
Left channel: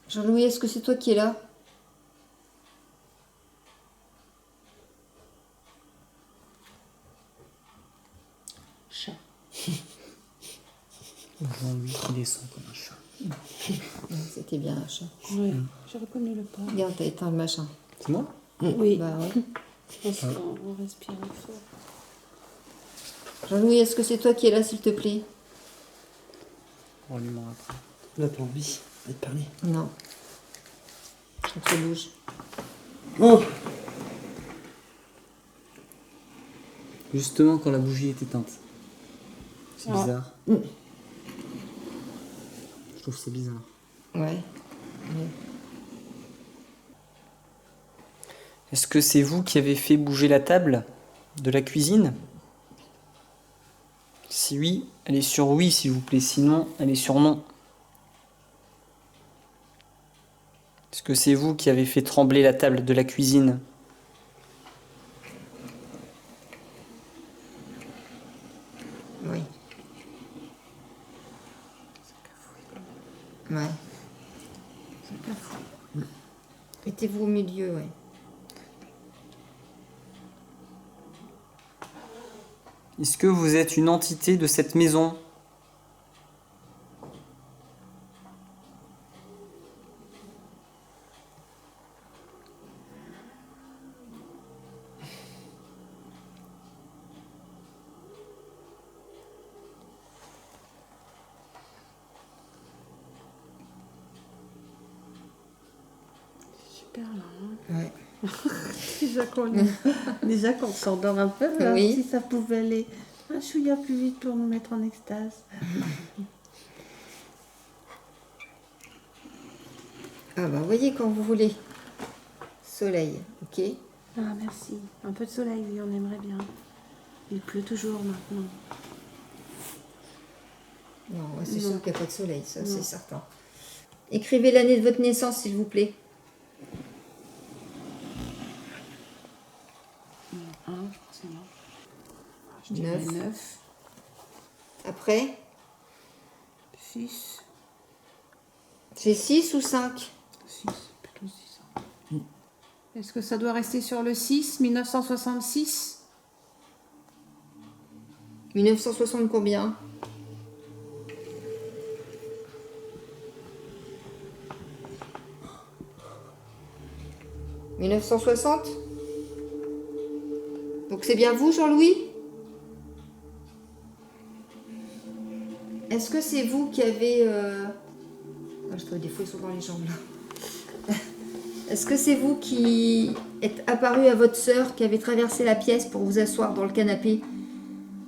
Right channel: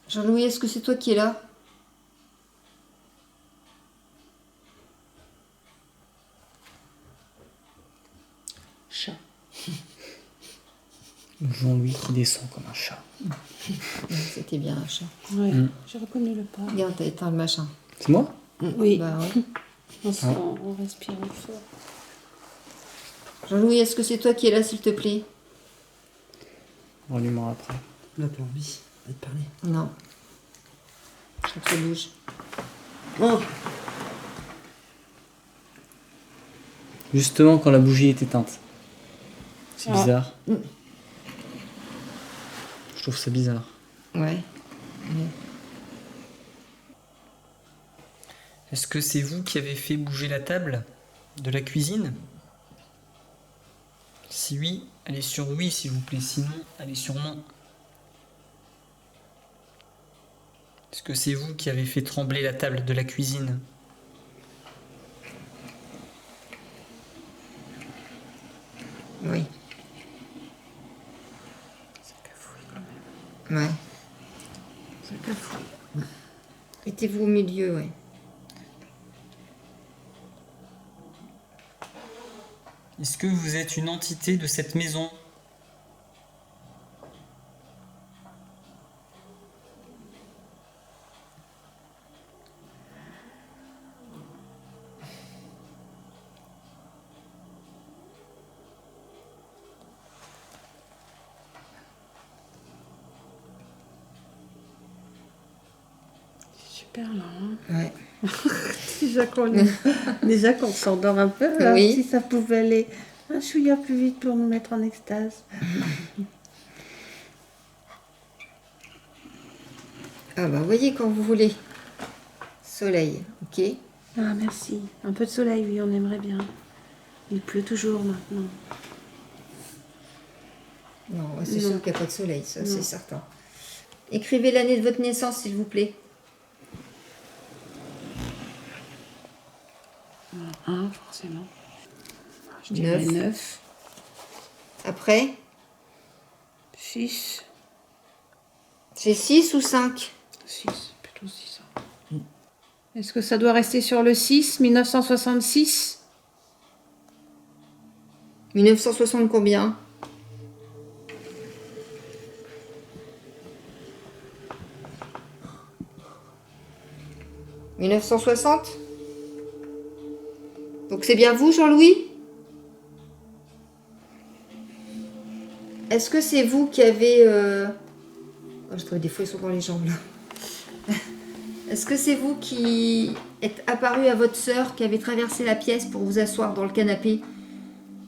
Jean-Louis, est-ce que c'est toi qui es là? Chat. Jean-Louis qui descend comme un chat. C'était bien un chat. Oui, j'ai reconnu le pas. Regarde, t'as éteint le machin. C'est moi? Oui, Bah ouais. on respire fort. Jean-Louis, est-ce que c'est toi qui es là, s'il te plaît? On allumera après. On n'a pas envie de parler. Non. On te bouge. Oh, Justement quand la bougie est éteinte. C'est Ah. bizarre. Je trouve ça bizarre. Ouais. Est-ce que c'est vous qui avez fait bouger la table de la cuisine? Si oui, allez sur oui s'il vous plaît, sinon allez sur non. Est-ce que c'est vous qui avez fait trembler la table de la cuisine? Oui. Ouais. Mettez-vous au milieu, ouais. Est-ce que vous êtes une entité de cette maison? Super là. Ouais. Déjà qu'on s'endort un peu, là, Oui. si ça pouvait aller un chouïa plus vite pour nous mettre en extase. Ah bah voyez quand vous voulez. Soleil, ok. Ah merci. Un peu de soleil, oui, on aimerait bien. Il pleut toujours maintenant. Non, c'est Non. sûr qu'il n'y a pas de soleil, ça Non. c'est certain. Écrivez l'année de votre naissance, s'il vous plaît. 1, forcément. Je dirais 9. 9. Après, 6. c'est 6 ou 5? 6, plutôt 6. Est-ce que ça doit rester sur le 6, 1966? 1960 combien? « 1960 » Donc c'est bien vous, Jean-Louis? Est-ce que c'est vous qui avez... Oh, je trouve des fois ils sont dans les jambes là. Est-ce que c'est vous qui êtes apparu à votre sœur qui avait traversé la pièce pour vous asseoir dans le canapé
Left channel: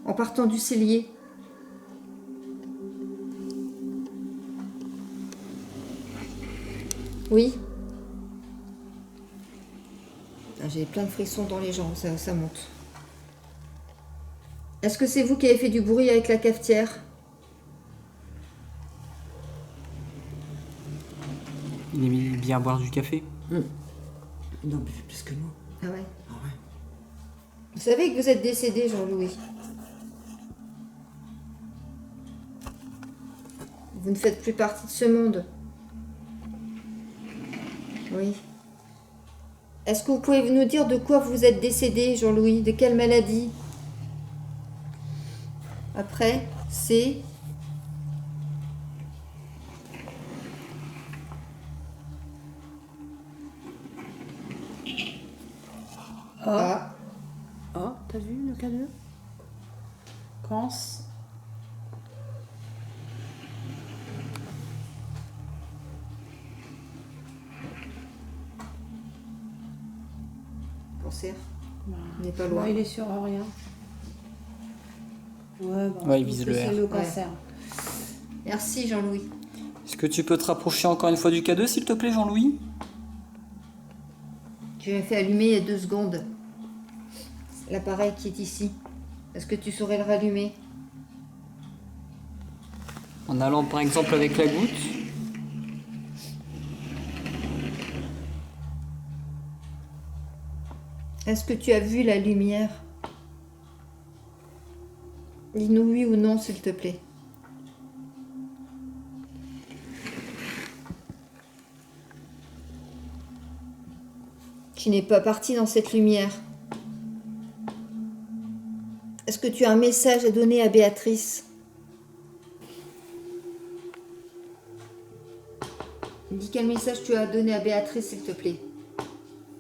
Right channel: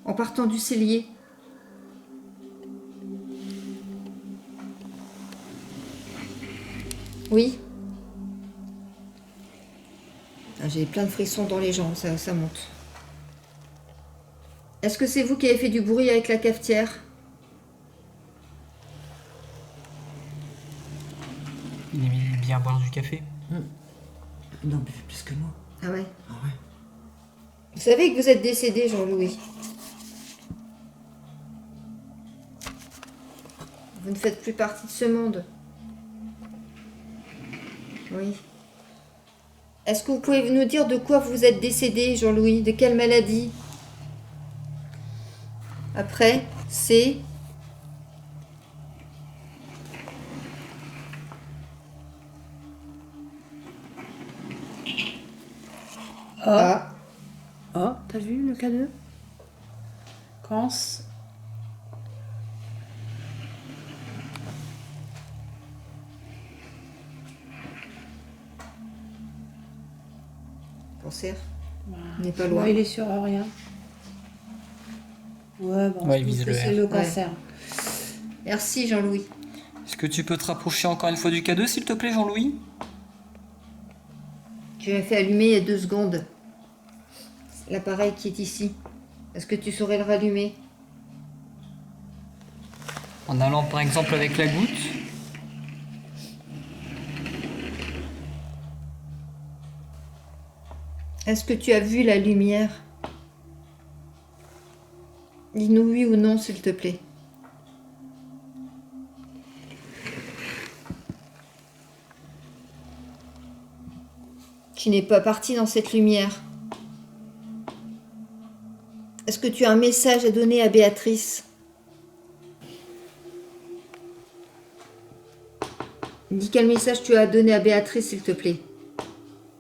en partant du cellier? Oui. Ah, j'ai plein de frissons dans les jambes, ça monte. Est-ce que c'est vous qui avez fait du bruit avec la cafetière? Il aimait bien boire du café. Il en buvait plus que moi. Ah ouais. Ah ouais. Vous savez que vous êtes décédé, Jean-Louis. Vous ne faites plus partie de ce monde. Oui. Est-ce que vous pouvez nous dire de quoi vous êtes décédé, Jean-Louis? De quelle maladie? Après, c'est... Ah. Oh, t'as vu le K2? Cans. Cancer. Voilà. On n'est pas loin. Ouais, il est sur rien. Ouais, bon, Ouais, je il pense vise que le c'est R. le cancer. Merci, Jean-Louis. Est-ce que tu peux te rapprocher encore une fois du K2, s'il te plaît, Jean-Louis? Tu m'as fait allumer il y a 2 secondes. L'appareil qui est ici. Est-ce que tu saurais le rallumer? En allant par exemple avec la goutte. Est-ce que tu as vu la lumière? Dis-nous oui ou non, s'il te plaît. Tu n'es pas parti dans cette lumière. Est-ce que tu as un message à donner à Béatrice? Dis quel message tu as à donner à Béatrice, s'il te plaît.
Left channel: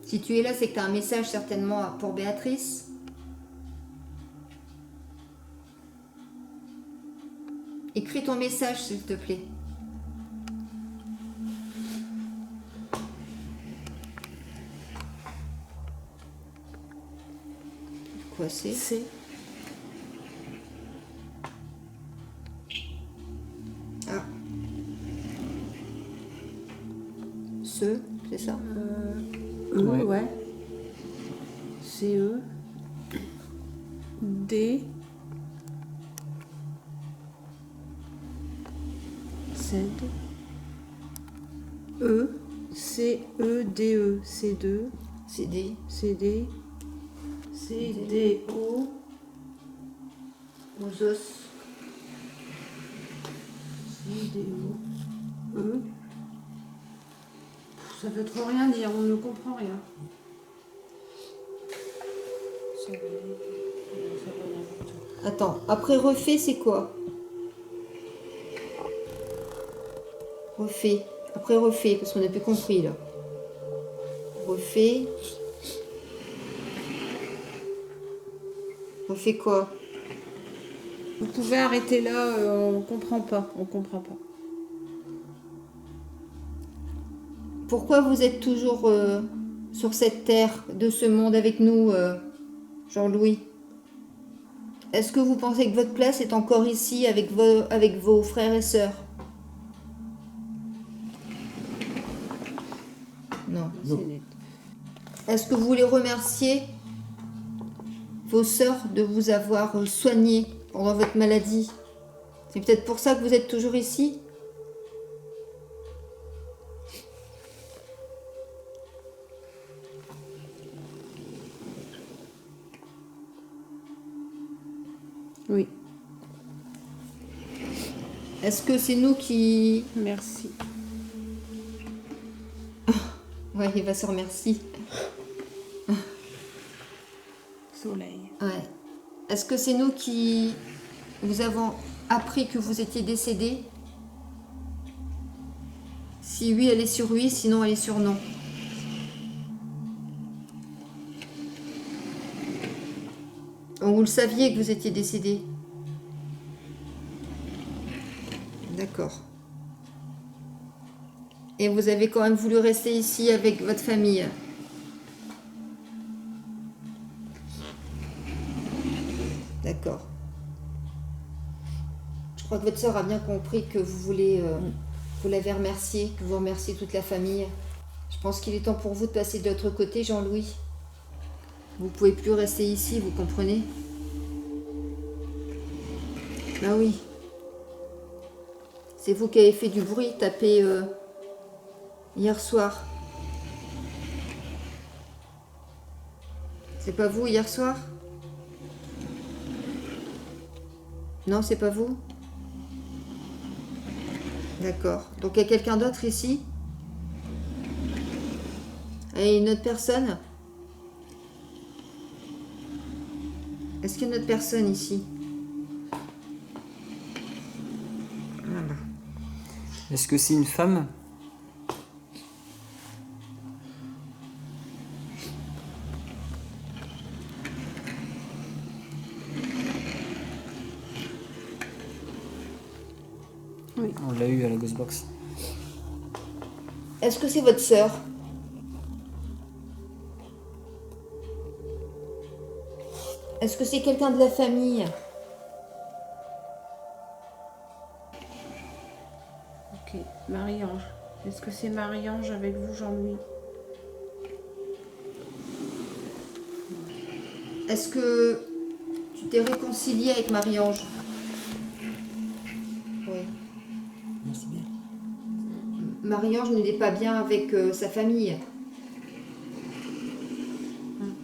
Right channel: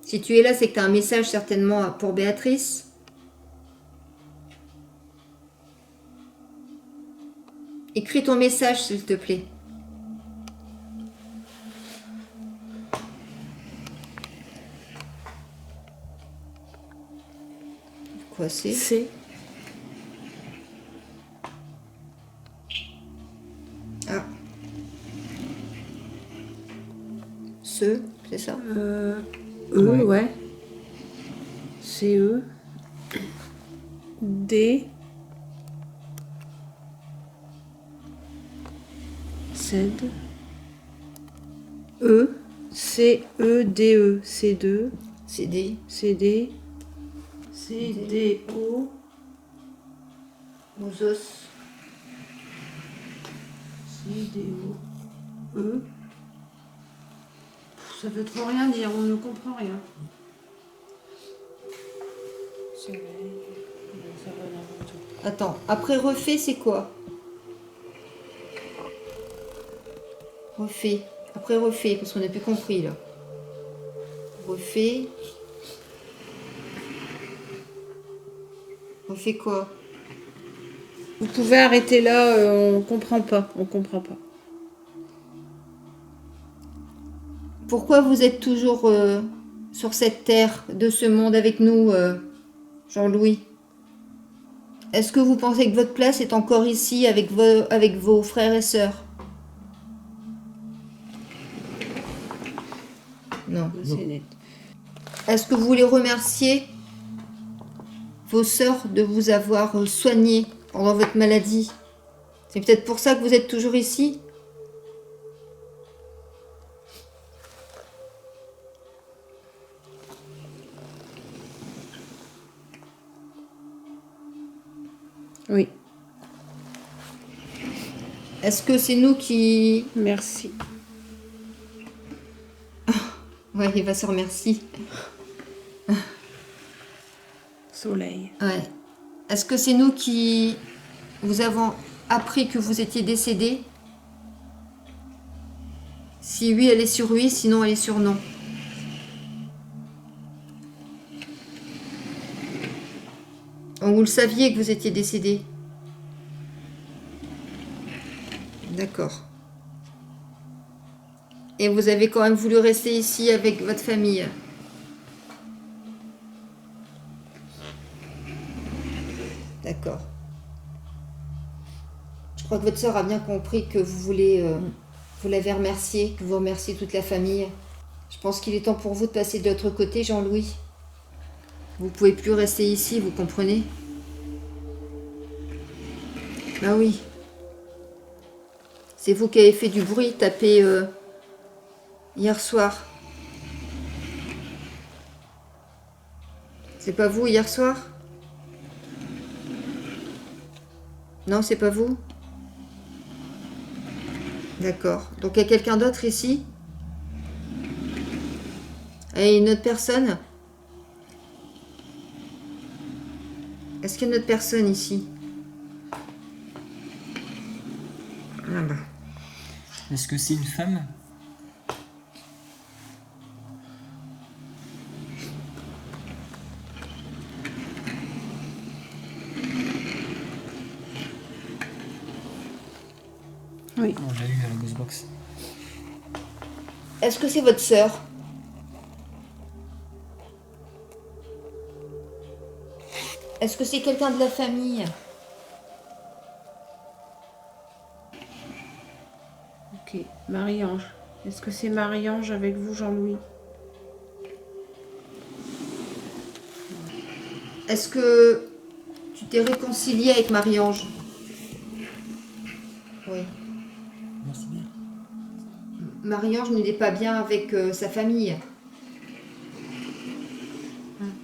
Si tu es là, c'est que tu as un message certainement pour Béatrice. Écris ton message, s'il te plaît. Quoi c'est? C'est. Ah. Ce, c'est ça? Ouais. Ouais. C'est E. D. Z. E. C. E. D. E. C2. C'est des... CD. CDO. aux os. CDO. E. Ça veut trop rien dire, on ne comprend rien. Soleil. Ça veut n'importe quoi. Attends, après refait, c'est quoi? Refait. Après refait, parce qu'on n'a plus compris là. Refait. Refait quoi? Vous pouvez arrêter là, on comprend pas. On comprend pas. Pourquoi vous êtes toujours sur cette terre de ce monde avec nous, Jean-Louis? Est-ce que vous pensez que votre place est encore ici avec vos frères et sœurs? Non. C'est net. Est-ce que vous voulez remercier vos sœurs de vous avoir soigné pendant votre maladie? C'est peut-être pour ça que vous êtes toujours ici? Oui, Est-ce que c'est nous qui... merci. Ouais, il va se remercier. Soleil. Ouais. Est-ce que c'est nous qui vous avons appris que vous étiez décédé? Si oui, elle est sur oui, sinon elle est sur non. Donc vous le saviez que vous étiez décédé? D'accord. Et vous avez quand même voulu rester ici avec votre famille? D'accord. Je crois que votre sœur a bien compris que vous voulez... vous l'avez remercié, que vous remerciez toute la famille. Je pense qu'il est temps pour vous de passer de l'autre côté, Jean-Louis. Vous pouvez plus rester ici, vous comprenez? Bah oui. C'est vous qui avez fait du bruit, tapé hier soir. C'est pas vous hier soir? Non, c'est pas vous? D'accord. Donc il y a quelqu'un d'autre ici? Et une autre personne? Est-ce qu'il y a une autre personne ici? Ah bah. Est-ce que c'est une femme? Oui. On l'a eu à la Ghostbox. Est-ce que c'est votre sœur? Est-ce que c'est quelqu'un de la famille? Ok, Marie-Ange. Est-ce que c'est Marie-Ange avec vous, Jean-Louis? Est-ce que tu t'es réconcilié avec Marie-Ange? Oui. Merci bien. Marie-Ange n'était pas bien avec sa famille.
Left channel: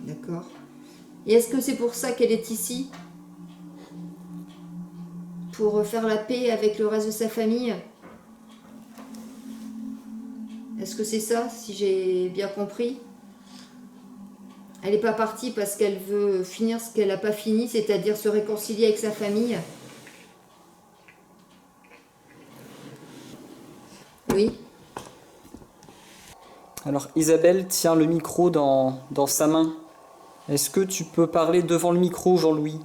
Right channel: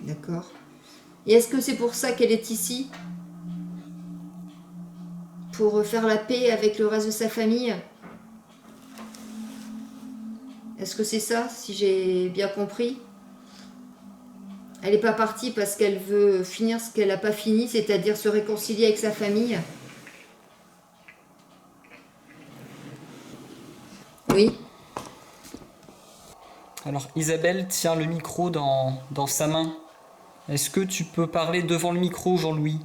D'accord. Et est-ce que c'est pour ça qu'elle est ici? Pour faire la paix avec le reste de sa famille? Est-ce que c'est ça, si j'ai bien compris? Elle n'est pas partie parce qu'elle veut finir ce qu'elle n'a pas fini, c'est-à-dire se réconcilier avec sa famille? Oui. Alors Isabelle tient le micro dans sa main. Est-ce que tu peux parler devant le micro, Jean-Louis?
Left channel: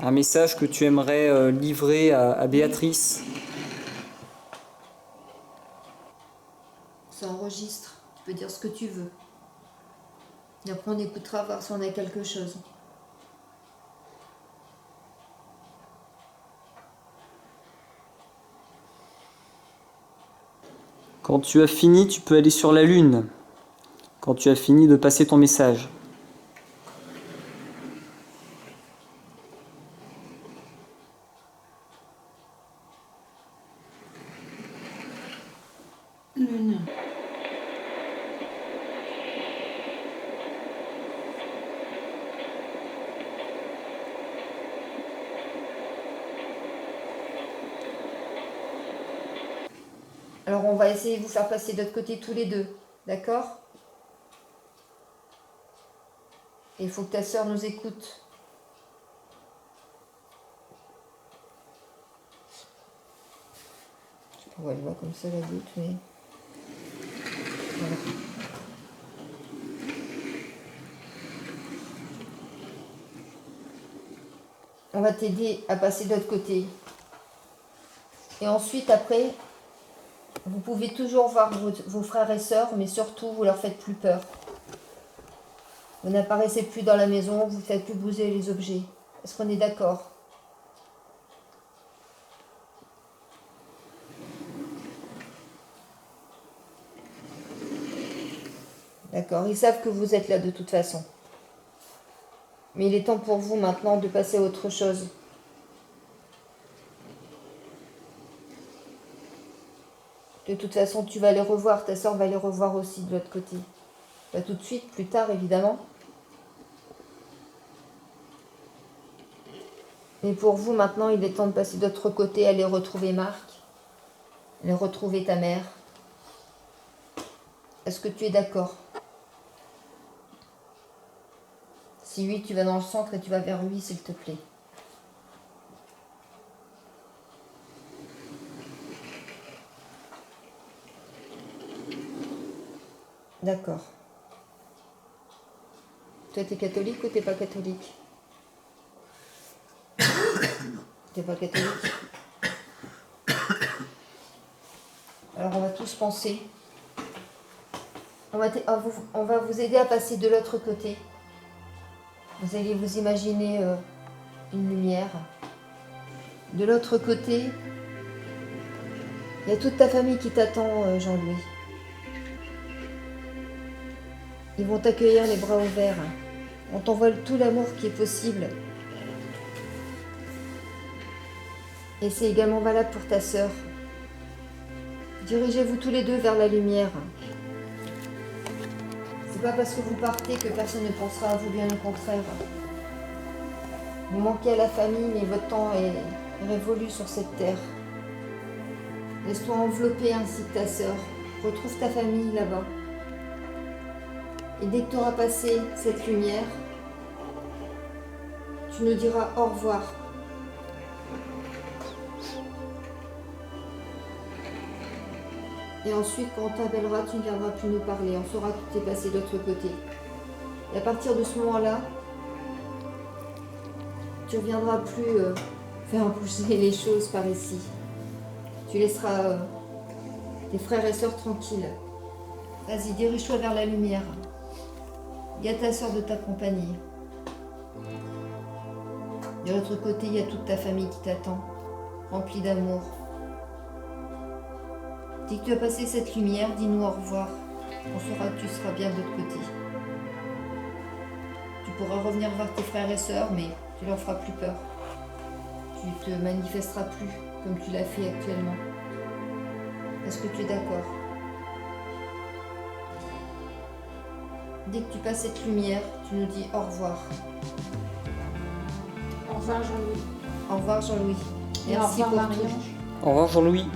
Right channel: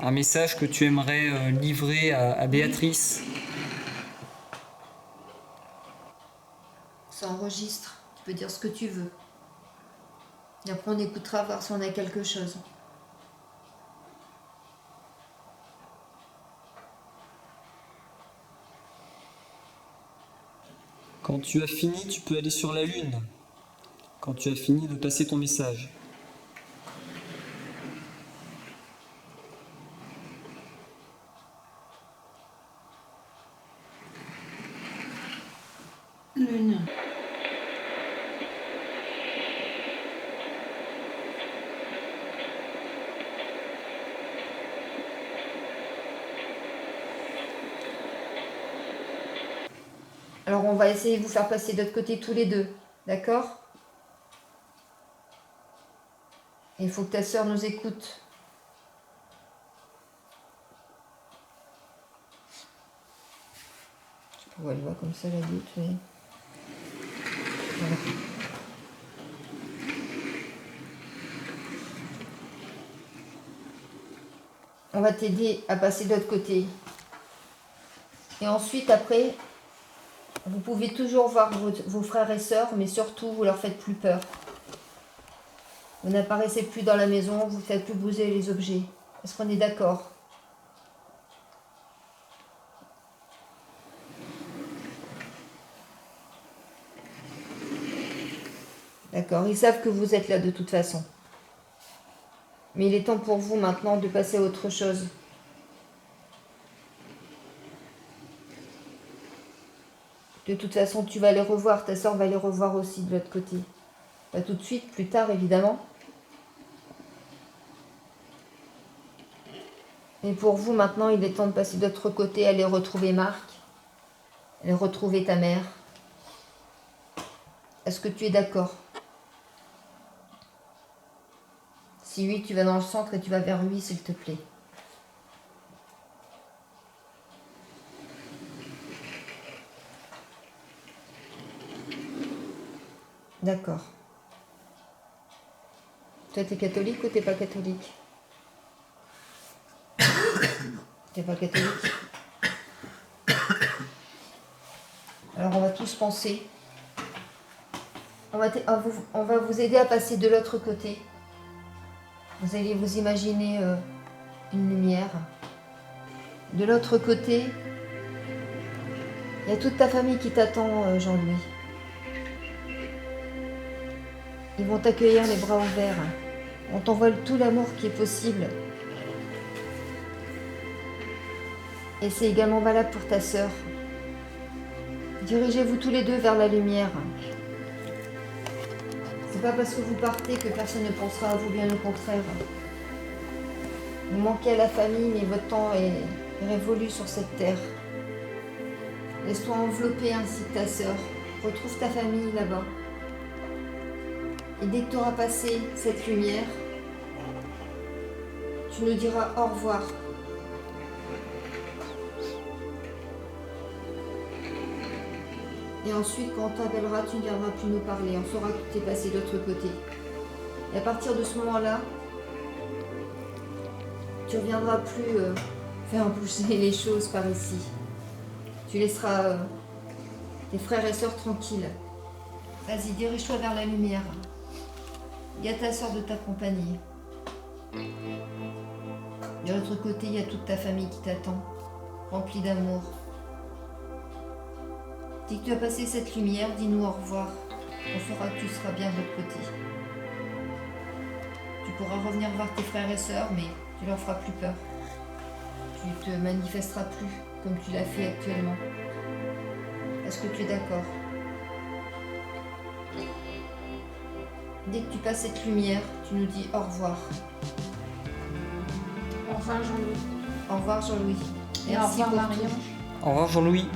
Un message que tu aimerais livrer à Béatrice. Ça enregistre. Tu peux dire ce que tu veux. Et après, on écoutera voir si on a quelque chose. Quand tu as fini, tu peux aller sur la lune. Quand tu as fini de passer ton message. Lune. Alors, on va essayer de vous faire passer de l'autre côté tous les deux. D'accord? Il faut que ta sœur nous écoute. Ouais, elle voit comme ça la goutte, mais... Voilà. On va t'aider à passer de l'autre côté. Et ensuite, après, vous pouvez toujours voir vos frères et sœurs, mais surtout, vous leur faites plus peur. Vous n'apparaissez plus dans la maison, vous ne faites plus bouger les objets. Est-ce qu'on est d'accord? D'accord, ils savent que vous êtes là de toute façon. Mais il est temps pour vous maintenant de passer à autre chose. De toute façon, tu vas les revoir, ta soeur va les revoir aussi de l'autre côté. Pas tout de suite, plus tard évidemment. Mais pour vous maintenant, il est temps de passer de l'autre côté, aller retrouver Marc, aller retrouver ta mère. Est-ce que tu es d'accord? Si oui, tu vas dans le centre et tu vas vers lui, s'il te plaît. D'accord. Toi, t'es catholique ou t'es pas catholique? T'es pas catholique? Alors, on va tous penser. On va vous aider à passer de l'autre côté. Vous allez vous imaginer une lumière. De l'autre côté, il y a toute ta famille qui t'attend, Jean-Louis. Ils vont t'accueillir les bras ouverts. On t'envoie tout l'amour qui est possible. Et c'est également valable pour ta sœur. Dirigez-vous tous les deux vers la lumière. C'est pas parce que vous partez que personne ne pensera à vous, bien au contraire. Vous manquez à la famille, mais votre temps est révolu sur cette terre. Laisse-toi envelopper ainsi que ta sœur. Retrouve ta famille là-bas. Et dès que tu auras passé cette lumière, tu nous diras au revoir. Et ensuite, quand on t'appellera, tu ne viendras plus nous parler. On saura que tu es passé de l'autre côté. Et à partir de ce moment-là, tu ne reviendras plus faire bouger les choses par ici. Tu laisseras tes frères et sœurs tranquilles. Vas-y, dirige-toi vers la lumière. Il y a ta sœur de t'accompagner. De l'autre côté, il y a toute ta famille qui t'attend, remplie d'amour. Dès que tu as passé cette lumière, dis-nous au revoir. On saura que tu seras bien de l'autre côté. Tu pourras revenir voir tes frères et sœurs, mais tu leur feras plus peur. Tu te manifesteras plus comme tu l'as fait actuellement. Est-ce que tu es d'accord? Dès que tu passes cette lumière, tu nous dis au revoir. Au revoir Jean-Louis. Au revoir Jean-Louis. Et au Merci revoir pour tout. Marie-Ange. Au revoir Jean-Louis.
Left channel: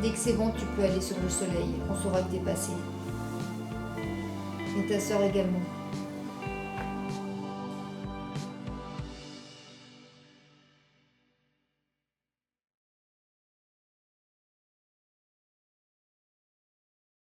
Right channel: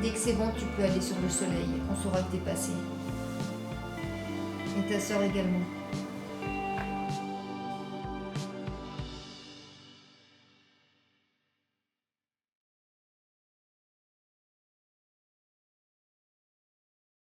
Dès que c'est bon, tu peux aller sur le soleil. On saura que t'es passé. Et ta sœur également.